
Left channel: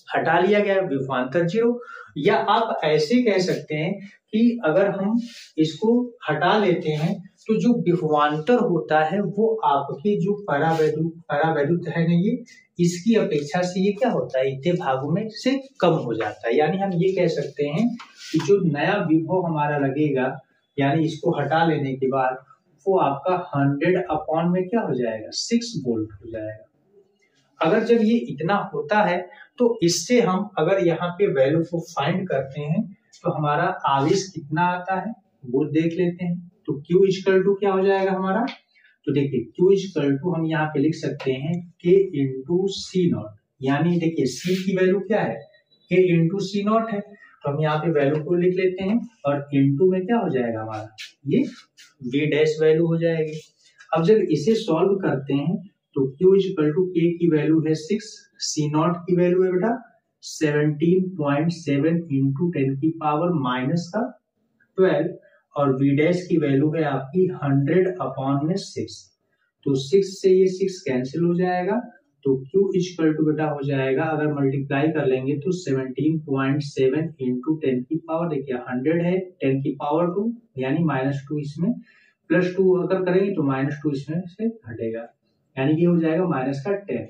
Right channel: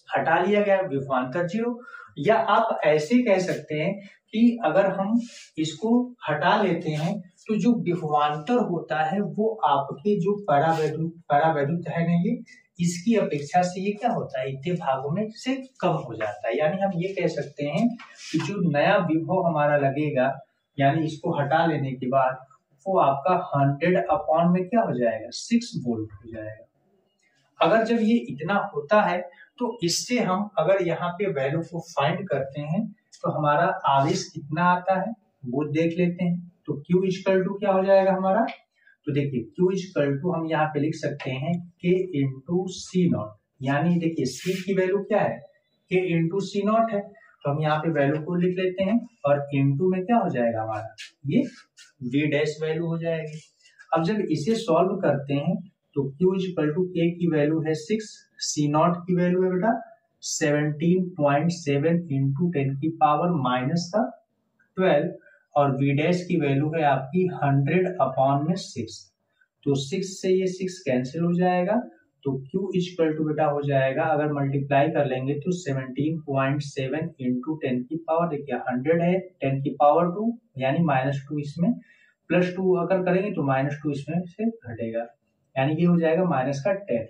हटा लिया गया विभवांतर 0, या आप ऐसे कह सकते हैं कि अगर हम इसको हटा लेते हैं तो जो विभवांतर होता है वो आपके जो परावैद्युत है ना, ये इसकी अपेक्षा से ये क्या होता है इतने भागों में से कम हो जाता है। यानी हम ये कह सकते हैं कि जो नया विभव हमारा लगेगा, यानी इसको हटा लेने के बाद वो आपका 100 अपॉन में क्या हो जाएगा 6 वोल्ट हो जाएगा। अगर जब ये इतना होता है तो इससे हम अगर यहाँ पे वैल्यू को फाइंड करते हैं तो हमारा आवेश कितना आता है वो देख लेते हैं। तो Q इक्वल टू क्या हो जाएगा हमारा, तो देखिए Q इक्वल टू हम यहाँ पे लिख सकते हैं K इंटू सी नॉट, यानी देखिए C की वैल्यू क्या है K इंटू सी नॉट है, तो हम यहाँ पे वैल्यू को लिख लेते हैं और इंटू में क्या हो जाएगा हमारा ये V डैश वैल्यू हो जाएगी। अब जब इसे सॉल्व करते हैं तो Q इक्वल टू K की वैल्यू है 6, C नॉट की वैल्यू है बेटा 17.7 इंटू 10 की पावर माइनस का 12, और V डैश की वैल्यू है आपकी 100 अपॉन में 6, तो 6 से ये 6 कैंसिल हो जाएगा, तो Q इक्वल टू बेटा हो जाएगा अगर मल्टीप्लाई कर लेंगे तो 17.7 इंटू 10 की पावर, देखिए 100 है 10 की पावर 2 यानी -2 इसमें, +2 अगर करेंगे तो -2 इसमें से घटेगा, यानी ये हो जाएगा माइनस का 10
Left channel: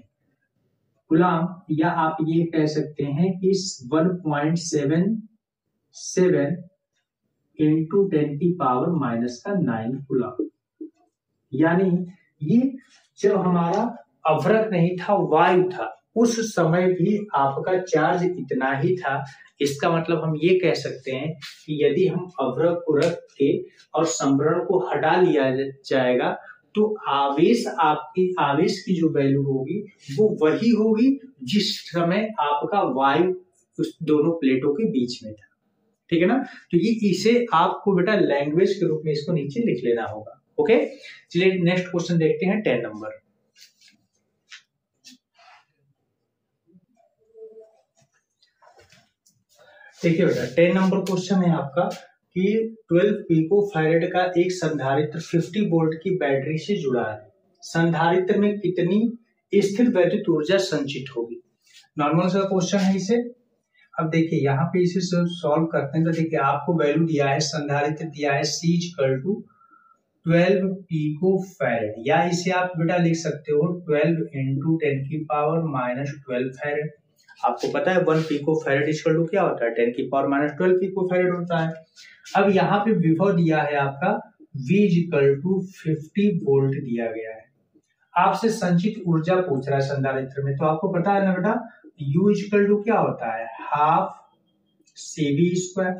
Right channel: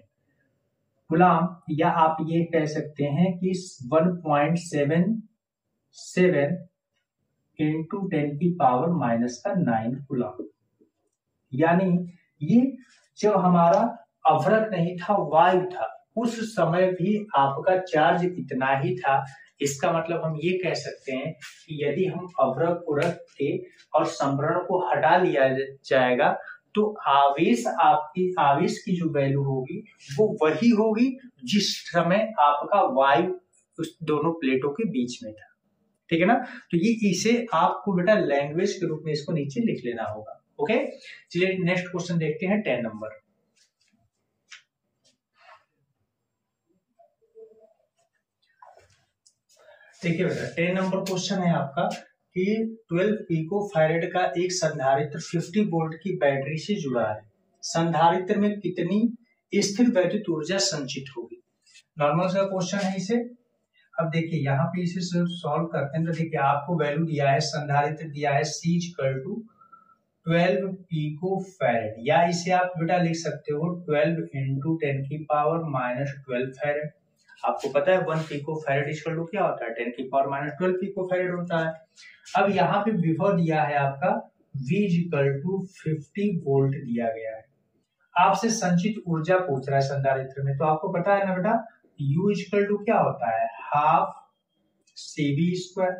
गुलाम, या आप ये कह सकते हैं कि 1.77 इंटू 10 की पावर माइनस का 9 गुलाम। यानी ये जब हमारा अवरक नहीं था वायु था उस समय भी आपका चार्ज इतना ही था। इसका मतलब हम ये कह सकते हैं कि यदि हम अवरक को रख के और संभरण को हटा लिया जाएगा तो आवेश की जो वैल्यू होगी वो वही होगी जिस समय आपका वायु उस दोनों प्लेटों के बीच में था। ठीक है ना। तो ये इसे आपको बेटा लैंग्वेज के रूप में इसको नीचे लिख लेना होगा। ओके, चलिए नेक्स्ट क्वेश्चन देखते हैं 10 नंबर। देखिए बेटा 10 नंबर क्वेश्चन है आपका कि 12 पिको फैरेड का एक संधारित्र 50 वोल्ट की बैटरी से जुड़ा है, संधारित्र में कितनी स्थिर वैद्युत ऊर्जा संचित होगी। नॉर्मल सा क्वेश्चन है इसे। अब देखिए यहाँ पे इसे सॉल्व करते हैं तो देखिए आपको वैल्यू दिया है, संधारित्र दिया है C = 12 पिको फैरेड, या इसे आप बेटा लिख सकते हो 12 × 10⁻⁻12 फैरेड। आपको पता है 1 पिको फैरेड इक्वल टू क्या होता है, 10⁻12 पिको फैरेड होता है। अब यहाँ पे विभव दिया है आपका V = 50 वोल्ट दिया गया है। आपसे संचित ऊर्जा पूछ रहा है संधारित्र में, तो आपको पता है ना बेटा U = क्या होता है, हाफ CV²।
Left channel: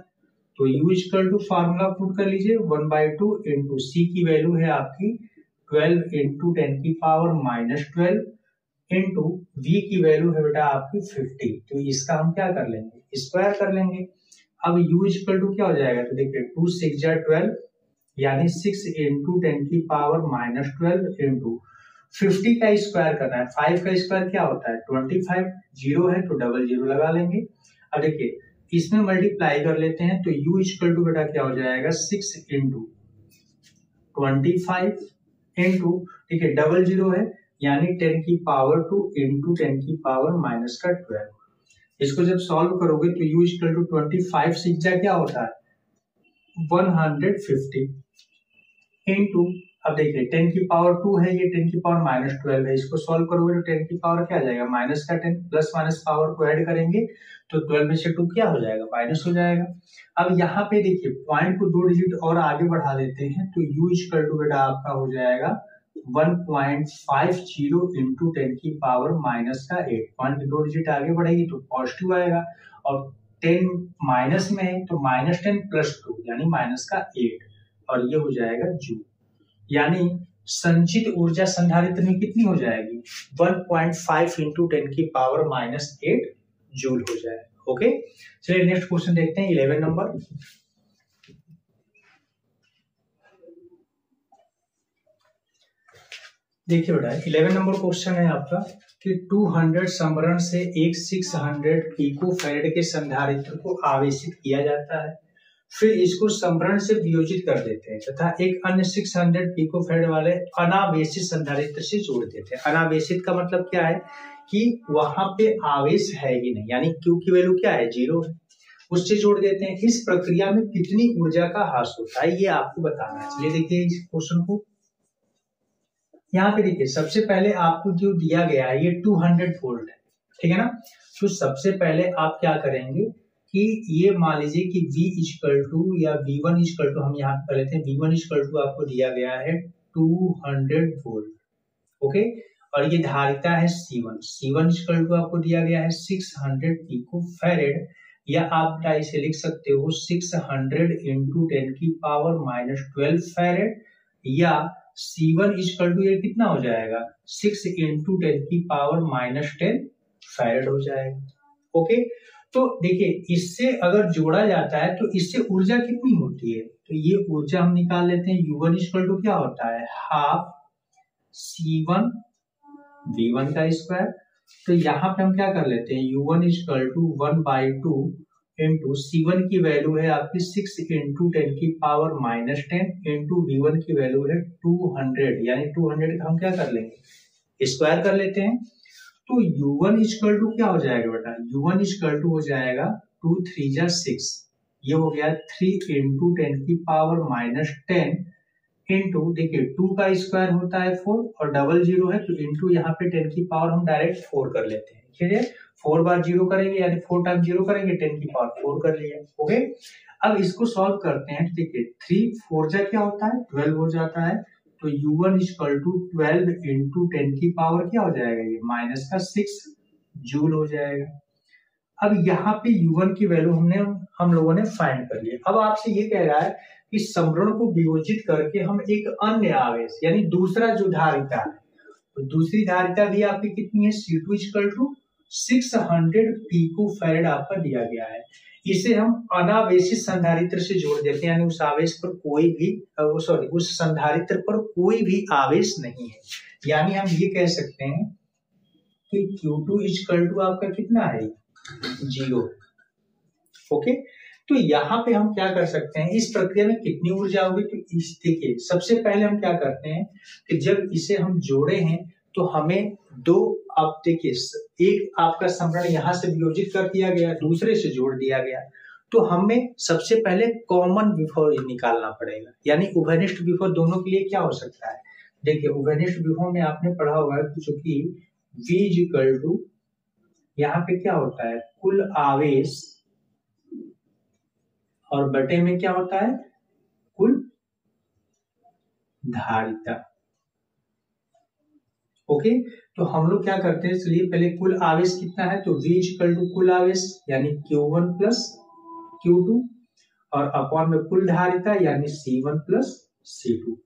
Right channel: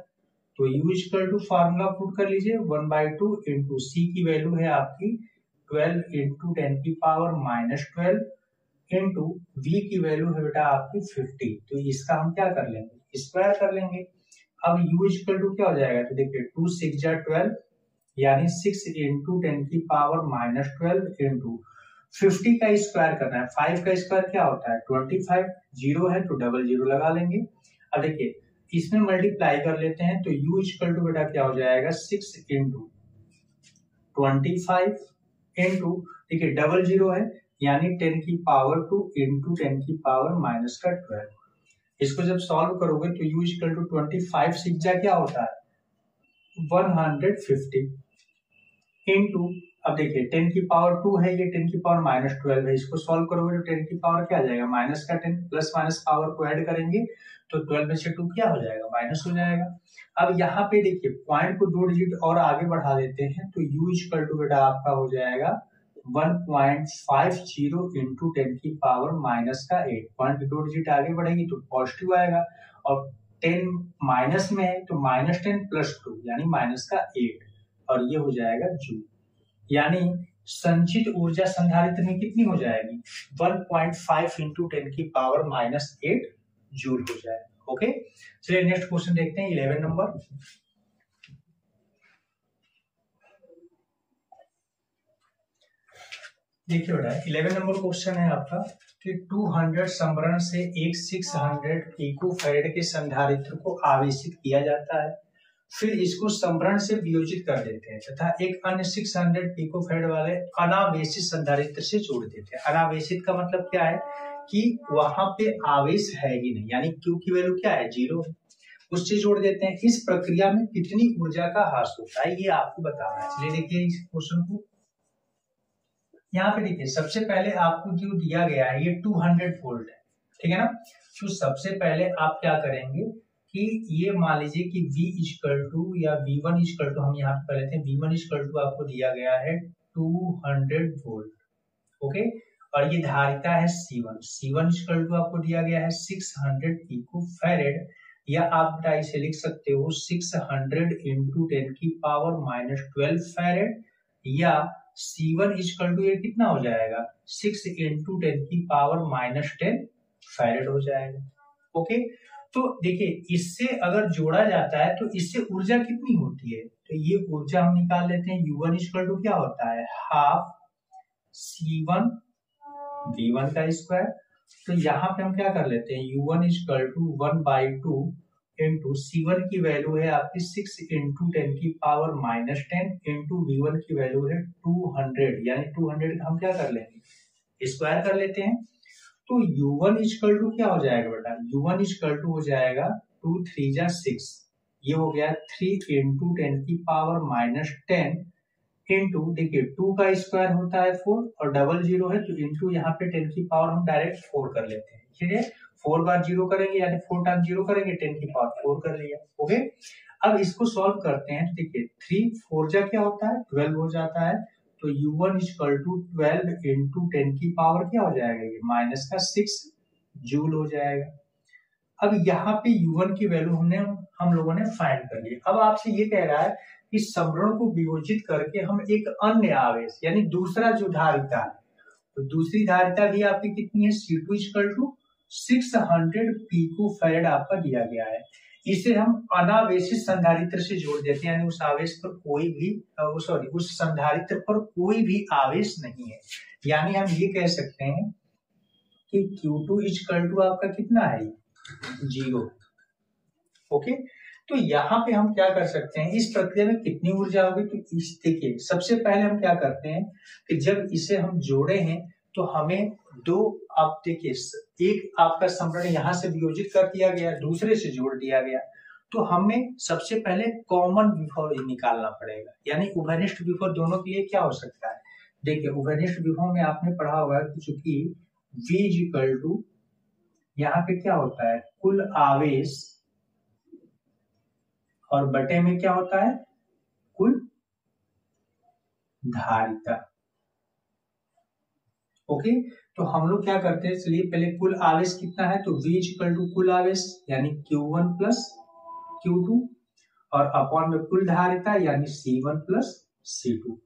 तो U = फॉर्मूला पुट कर लीजिए 1/2 × C की वैल्यू है आपकी 12 × 10⁻12 इंटू V की वैल्यू है बेटा आपकी 50। तो इसका हम क्या कर लेंगे, स्क्वायर कर लेंगे। अब U = क्या हो जाएगा, तो देखिए 2 × 6 = 12 यानी 6 × 10⁻12 इंटू 50 का स्क्वायर करना है। 5 का स्क्वायर क्या होता है 25, 0 है तो डबल 0 लगा लेंगे। अब देखिए इसमें मल्टीप्लाई कर लेते हैं तो U = बेटा क्या हो जाएगा 6 × 25 इंटू देखिए डबल 0 है यानी 10⁻2 इंटू 10⁻⁻12। इसको जब सॉल्व करोगे तो U = 25 6 क्या होता है 150 इंटू, अब देखिए 10⁻2 है ये 10⁻12 है, इसको सॉल्व करोगे तो 10 की पावर क्या आ जाएगा माइनस का 10, प्लस माइनस पावर को ऐड करेंगे तो 12 में से 2 क्या हो जाएगा माइनस हो जाएगा। अब यहाँ पे देखिए पॉइंट को 2 डिजिट और आगे बढ़ा देते हैं तो U = बेटा आपका हो जाएगा 1.50 इंटू 10⁻⁻8। पॉइंट 2 डिजिट आगे बढ़ेगी तो पॉजिटिव आएगा और 10 माइनस में है तो -10 + 2 यानी -8 और ये हो जाएगा जूल। यानी संचित ऊर्जा संधारित्र में कितनी हो जाएगी 1.5 × 10⁻⁻8 जूल हो जाएगा। ओके, चलिए नेक्स्ट क्वेश्चन देखते हैं 11 नंबर। देखिए बेटा 11 नंबर क्वेश्चन है आपका कि 200 समरण से एक 600 पिको फैरेड के संधारित्र को आवेशित किया जाता है, फिर इसको समरण से वियोजित कर देते हैं तथा एक अन्य 600 पिको फैरेड वाले अनावेशित संधारित्र से जोड़ देते हैं। अनावेशित का मतलब क्या है कि वहां पे आवेश है ही नहीं, यानी Q की वैल्यू क्या है 0 है, उससे जोड़ देते हैं। इस प्रक्रिया में कितनी ऊर्जा का ह्रास होता है ये आपको बताना है। चलिए देखिए इस क्वेश्चन को, यहाँ पे देखिए सबसे पहले आपको जो दिया गया है ये 200 वोल्ट है, ठीक है ना। तो सबसे पहले आप क्या करेंगे कि ये मान लीजिए कि V या V1 हम यहाँ पे लेते हैं, V1 आपको दिया गया है 200 वोल्ट, ओके, और ये धारिता है C1 आपको दिया गया है 600 पिको फैरेड, या आप इसे लिख सकते हो 600 × 10⁻⁻12 फैरेड, या C1 ये कितना हो जाएगा 6 × 10⁻⁻10 फैरेड हो जाएगा। ओके, तो देखिए इससे अगर जोड़ा जाता है तो इससे ऊर्जा कितनी होती है, तो ये ऊर्जा हम निकाल लेते हैं। U1 क्या होता है हाफ C1 V1 का स्क्वायर। तो यहाँ पे हम क्या कर लेते हैं U1 = 1/2 इंटू C1 की वैल्यू है आपकी 6 × 10⁻⁻10 इंटू V1 की वैल्यू है 200, यानी 200 का हम क्या कर लेंगे स्क्वायर कर लेते हैं। तो U1 क्या हो जाएगा बेटा, U1 हो जाएगा 2 3 जा 6, ये हो गया 3 × 10⁻10 इंटू देखिए 2 का स्क्वायर होता है 4 और डबल 0 है तो इंटू यहाँ पे 10 की पावर हम डायरेक्ट 4 कर लेते हैं। ठीक है, 4 बार 0 करेंगे यानी 4 टाइम 0 करेंगे 10 की पावर 4 कर लिया। ओके, अब इसको सॉल्व करते हैं। देखिए 3 4 जा क्या होता है 12 हो जाता है, तो U1 = 12 × 10 की पावर क्या हो जाएगा ये -6 जूल हो जाएगा। अब यहाँ पे U1 की वैल्यू हम लोगों ने फाइंड कर ली। अब आपसे ये कह रहा है कि समरण को वियोजित करके हम एक अन्य आवेश यानी दूसरा जो धारिता है, तो दूसरी धारिता भी आपकी कितनी है C2 = 600 पिको फैरेड आपका दिया गया है, इसे हम अनावेशित संधारित्र से जोड़ देते हैं, यानी उस आवेश पर कोई भी उस संधारित्र पर कोई भी आवेश नहीं है। यानी हम ये कह सकते हैं कि Q2 इक्वल टू आपका कितना है, 0। ओके, तो यहाँ पे हम क्या कर सकते हैं, इस प्रक्रिया में कितनी ऊर्जा होगी, तो इस देखिए सबसे पहले हम क्या करते हैं कि जब इसे हम जोड़े हैं तो हमें दो, आप देखिए एक आपका समरण यहाँ से वियोजित कर दिया गया, दूसरे से जोड़ दिया गया, तो हमें सबसे पहले कॉमन विभव निकालना पड़ेगा। यानी उभयनिष्ठ विभव दोनों के लिए क्या हो सकता है, देखिए उभयनिष्ठ विभव में आपने पढ़ा होगा कि चूंकि V इक्वल टू यहाँ पे क्या होता है, कुल आवेश, और बटे में क्या होता है, कुल धारिता। ओके, तो हम लोग क्या करते हैं, चलिए पहले कुल आवेश कितना है, तो V इक्वल टू कुल आवेश यानी Q1 प्लस Q2, और अपॉन में कुल धारिता यानी C1 प्लस C2।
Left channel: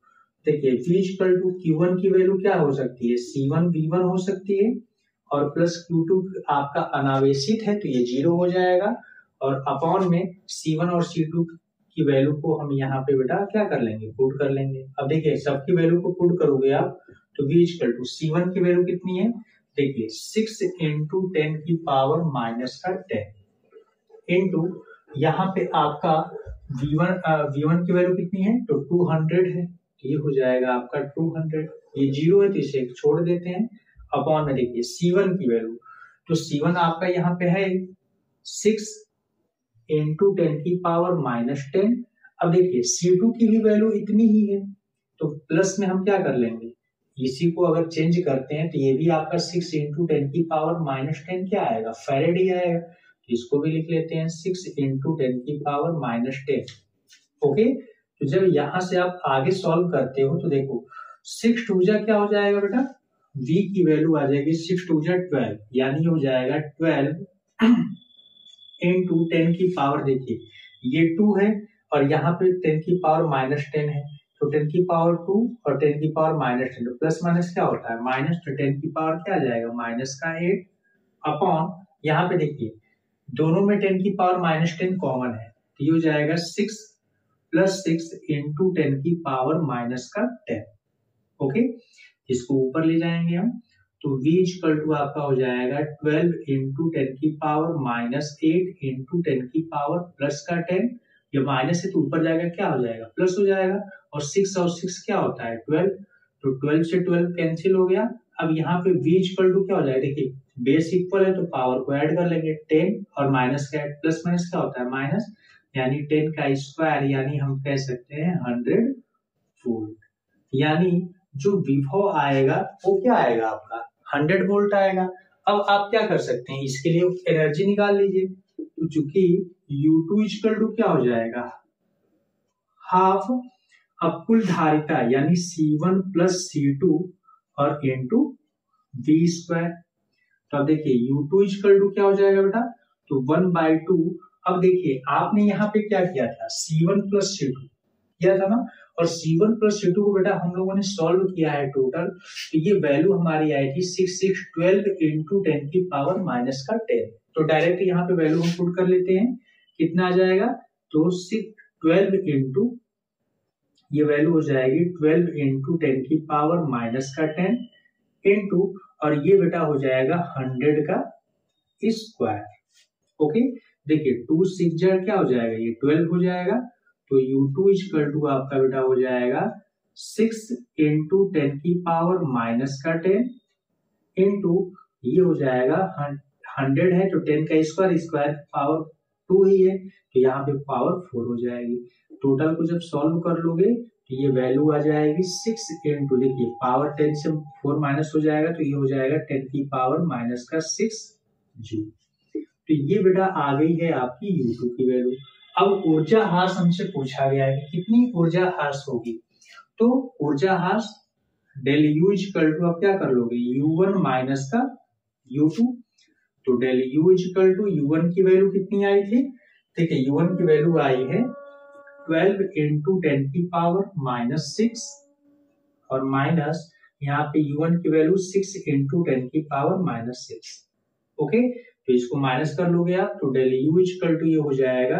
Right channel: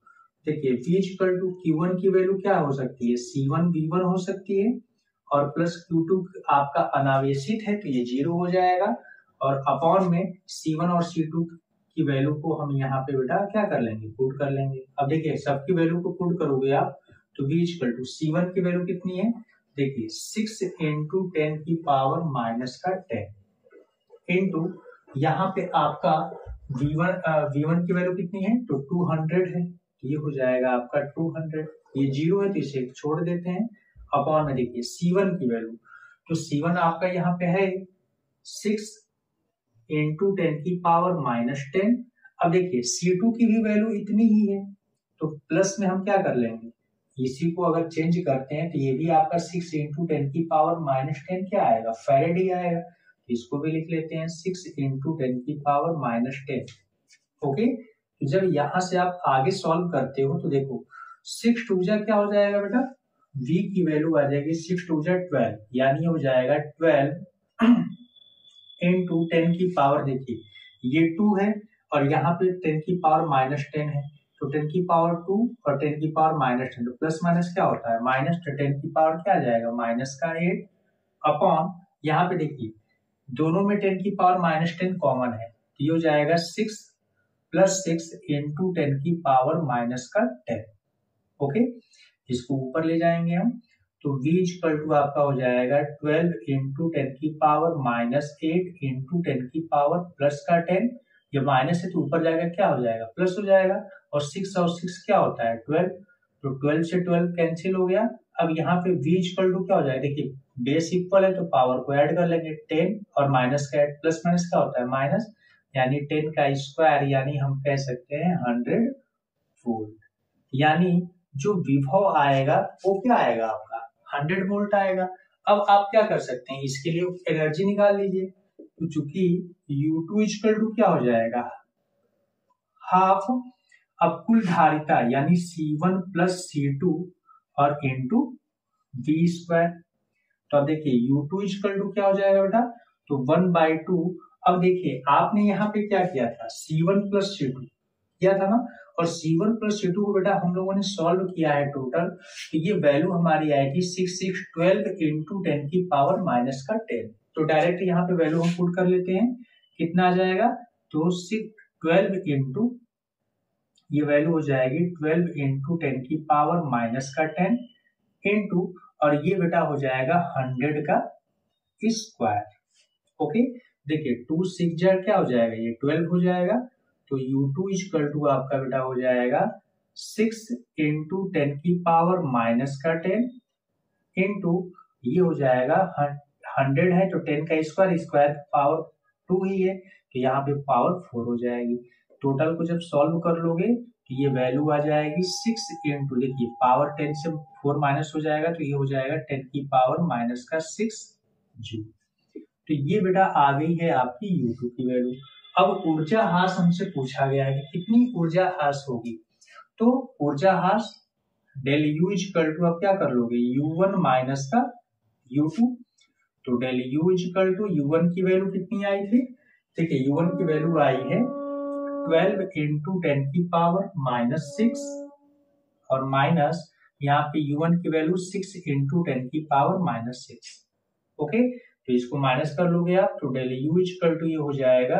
देखिए V इक्वल टू Q1 की वैल्यू क्या हो सकती है, C1 V1 हो सकती है, और प्लस Q2 आपका अनावेशित है तो ये 0 हो जाएगा, और अपॉन में C1 और C2 की वैल्यू को हम यहाँ पे बेटा क्या कर लेंगे, पुट कर लेंगे। अब देखिए सबकी वैल्यू को पुट करोगे आप तो V इक्वल टू C1 की वैल्यू कितनी है, देखिए 6 इंटू 10 की पावर माइनस का 10 इंटू यहाँ पे आपका V1 की वैल्यू कितनी है, तो 200 है, तो ये हो जाएगा आपका 200, ये 0 है तो इसे छोड़ देते हैं, अपॉन में देखिए C1 की वैल्यू, तो C1 आपका यहाँ पे है 6 इंटू 10 की पावर माइनस 10। अब देखिए C2 की भी वैल्यू इतनी ही है, तो प्लस में हम क्या कर लेंगे, इसी को अगर चेंज करते हैं तो ये भी आपका 6 इंटू 10 की पावर माइनस 10 क्या आएगा, फैरेड ही आएगा, तो इसको भी लिख लेते हैं 6 इंटू 10 की पावर माइनस 10। ओके, तो जब यहां से आप आगे सॉल्व करते हो तो देखो 6 टू जा क्या हो जाएगा बेटा, V की वैल्यू आ जाएगी 6 टू जा 12, यानी हो जाएगा 12 इंटू 10 की पावर, देखिए ये 2 है और यहाँ पे 10 की पावर माइनस 10 है, तो 10 की पावर 2 और 10 की पावर माइनस 10, तो प्लस माइनस क्या होता है माइनस, तो 10 की पावर क्या आ जाएगा माइनस का 8, अपॉन यहाँ पे देखिए दोनों में 10 की पावर माइनस 10 कॉमन है, तो ये हो जाएगा 6 प्लस 6 इंटू 10 की पावर माइनस का 10। ओके, इसको ऊपर ले जाएंगे हम, तो V इक्वल टू आपका हो जाएगा 12 इंटू 10 की पावर माइनस 8 इंटू 10 की पावर प्लस का 10, ये माइनस है तो ऊपर जाएगा क्या हो जाएगा, प्लस हो जाएगा, और 6 क्या होता है 12, तो 12 से 12 कैंसिल हो गया। अब यहाँ पे V इक्वल टू क्या हो जाएगा, देखिए बेस इक्वल है तो पावर को ऐड कर लेंगे 10 और माइनस का ऐड, प्लस माइनस क्या होता है माइनस, यानी 10 का स्क्वायर, यानी हम कह सकते हैं 100 वोल्ट। यानी जो विभव आएगा वो क्या आएगा आपका 100 वोल्ट आएगा। अब आप क्या कर सकते हैं, इसके लिए एनर्जी निकाल लीजिए, तो चूंकि U2 इक्वल टू क्या हो जाएगा हाफ, अब कुल धारिता यानी C1 प्लस C2 और इंटू V स्क्वायर, तो अब देखिए U2 इक्वल टू क्या हो जाएगा बेटा, तो 1/2। अब देखिए आपने यहाँ पे क्या किया था, C1 प्लस C2 किया था ना, और C1 प्लस C2 को बेटा हम लोगों ने सॉल्व किया है टोटल, तो ये वैल्यू हमारी आएगी 6 इंटू 10 की पावर माइनस का 10। तो डायरेक्ट यहाँ पे वैल्यू हम पुट कर लेते हैं, कितना आ जाएगा, तो 12 इंटू, ये वैल्यू हो जाएगी 12 इंटू 10 की पावर माइनस का 10 इंटू, और ये बेटा हो जाएगा 100 का स्क्वायर। ओके, देखिए 2 6 क्या हो जाएगा, ये 12 हो जाएगा, तो U2 इक्वल टू आपका बेटा हो जाएगा 6 इंटू 10 की पावर माइनस का 10 इंटू, ये हो जाएगा 100 है तो 10 का स्क्वायर, स्क्वायर पावर 2 ही है, तो यहाँ पे पावर 4 हो जाएगी। टोटल को जब सॉल्व कर लोगे तो ये वैल्यू आ जाएगी 6 इंटू, देखिए पावर 10 से 4 माइनस हो जाएगा, तो ये हो जाएगा 10 की पावर माइनस का 6 जूल। तो ये बेटा आ गई है आपकी U2 की वैल्यू। अब ऊर्जा ह्रास हमसे पूछा गया है कि कितनी ऊर्जा ह्रास होगी, तो ऊर्जा ह्रास डेल U इक्वल टू आप क्या कर लोगे U1 माइनस का U2, तो del U equal to U1 की वैल्यू कितनी आई थी, देखिए U1 की वैल्यू आई है 12 इंटू 10 की पावर माइनस 6, और माइनस यहाँ पे U1 की वैल्यू 6 इंटू 10 की पावर माइनस 6। ओके, तो इसको माइनस कर लोगे आप, तो डेल यू इक्वल टू ये हो जाएगा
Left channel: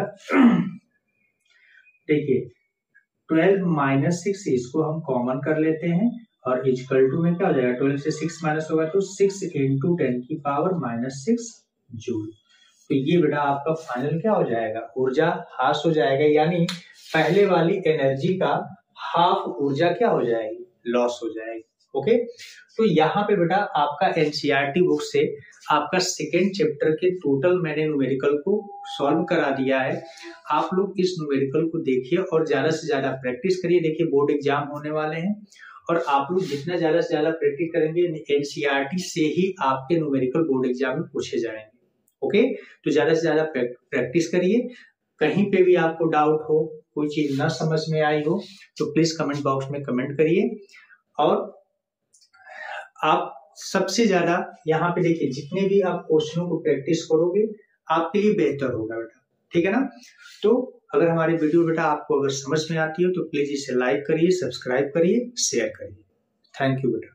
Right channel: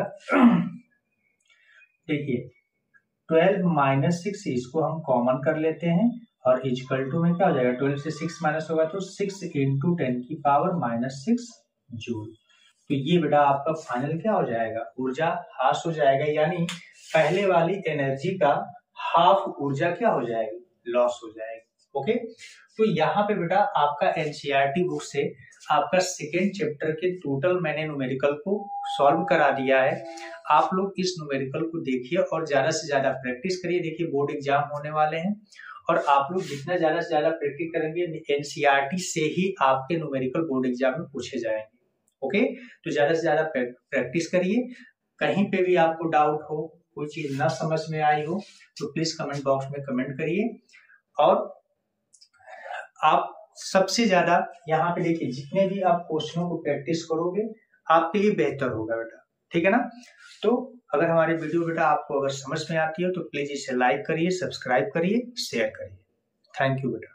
देखिए 12 माइनस 6, इसको हम कॉमन कर लेते हैं और इक्वल टू में क्या हो जाएगा, 12 से 6 माइनस होगा तो 6 इंटू 10⁻⁻6 जूल। तो ये बेटा आपका फाइनल क्या हो जाएगा, ऊर्जा हास हो जाएगा, यानी पहले वाली एनर्जी का हाफ ऊर्जा क्या हो जाएगी, लॉस हो जाएगी। ओके, तो यहाँ पे बेटा आपका एनसीईआरटी बुक से आपका सेकेंड चैप्टर के टोटल मैंने न्यूमेरिकल को सॉल्व करा दिया है। आप लोग इस न्यूमेरिकल को देखिए और ज्यादा से ज्यादा प्रैक्टिस करिए। देखिए बोर्ड एग्जाम होने वाले हैं और आप लोग जितना ज्यादा से ज्यादा प्रैक्टिस करेंगे एनसीईआरटी से ही आपके न्यूमेरिकल बोर्ड एग्जाम में पूछे जाएंगे। ओके, तो ज्यादा से ज्यादा प्रैक्टिस करिए। कहीं पे भी आपको डाउट हो, कोई चीज ना समझ में आई हो तो प्लीज कमेंट बॉक्स में कमेंट करिए। और आप सबसे ज्यादा यहाँ पे देखिए जितने भी आप क्वेश्चनों को प्रैक्टिस करोगे आपके लिए बेहतर होगा बेटा, ठीक है ना। तो अगर हमारी वीडियो बेटा आपको अगर समझ में आती हो तो प्लीज इसे लाइक करिए, सब्सक्राइब करिए, शेयर करिए। थैंक यू बेटा।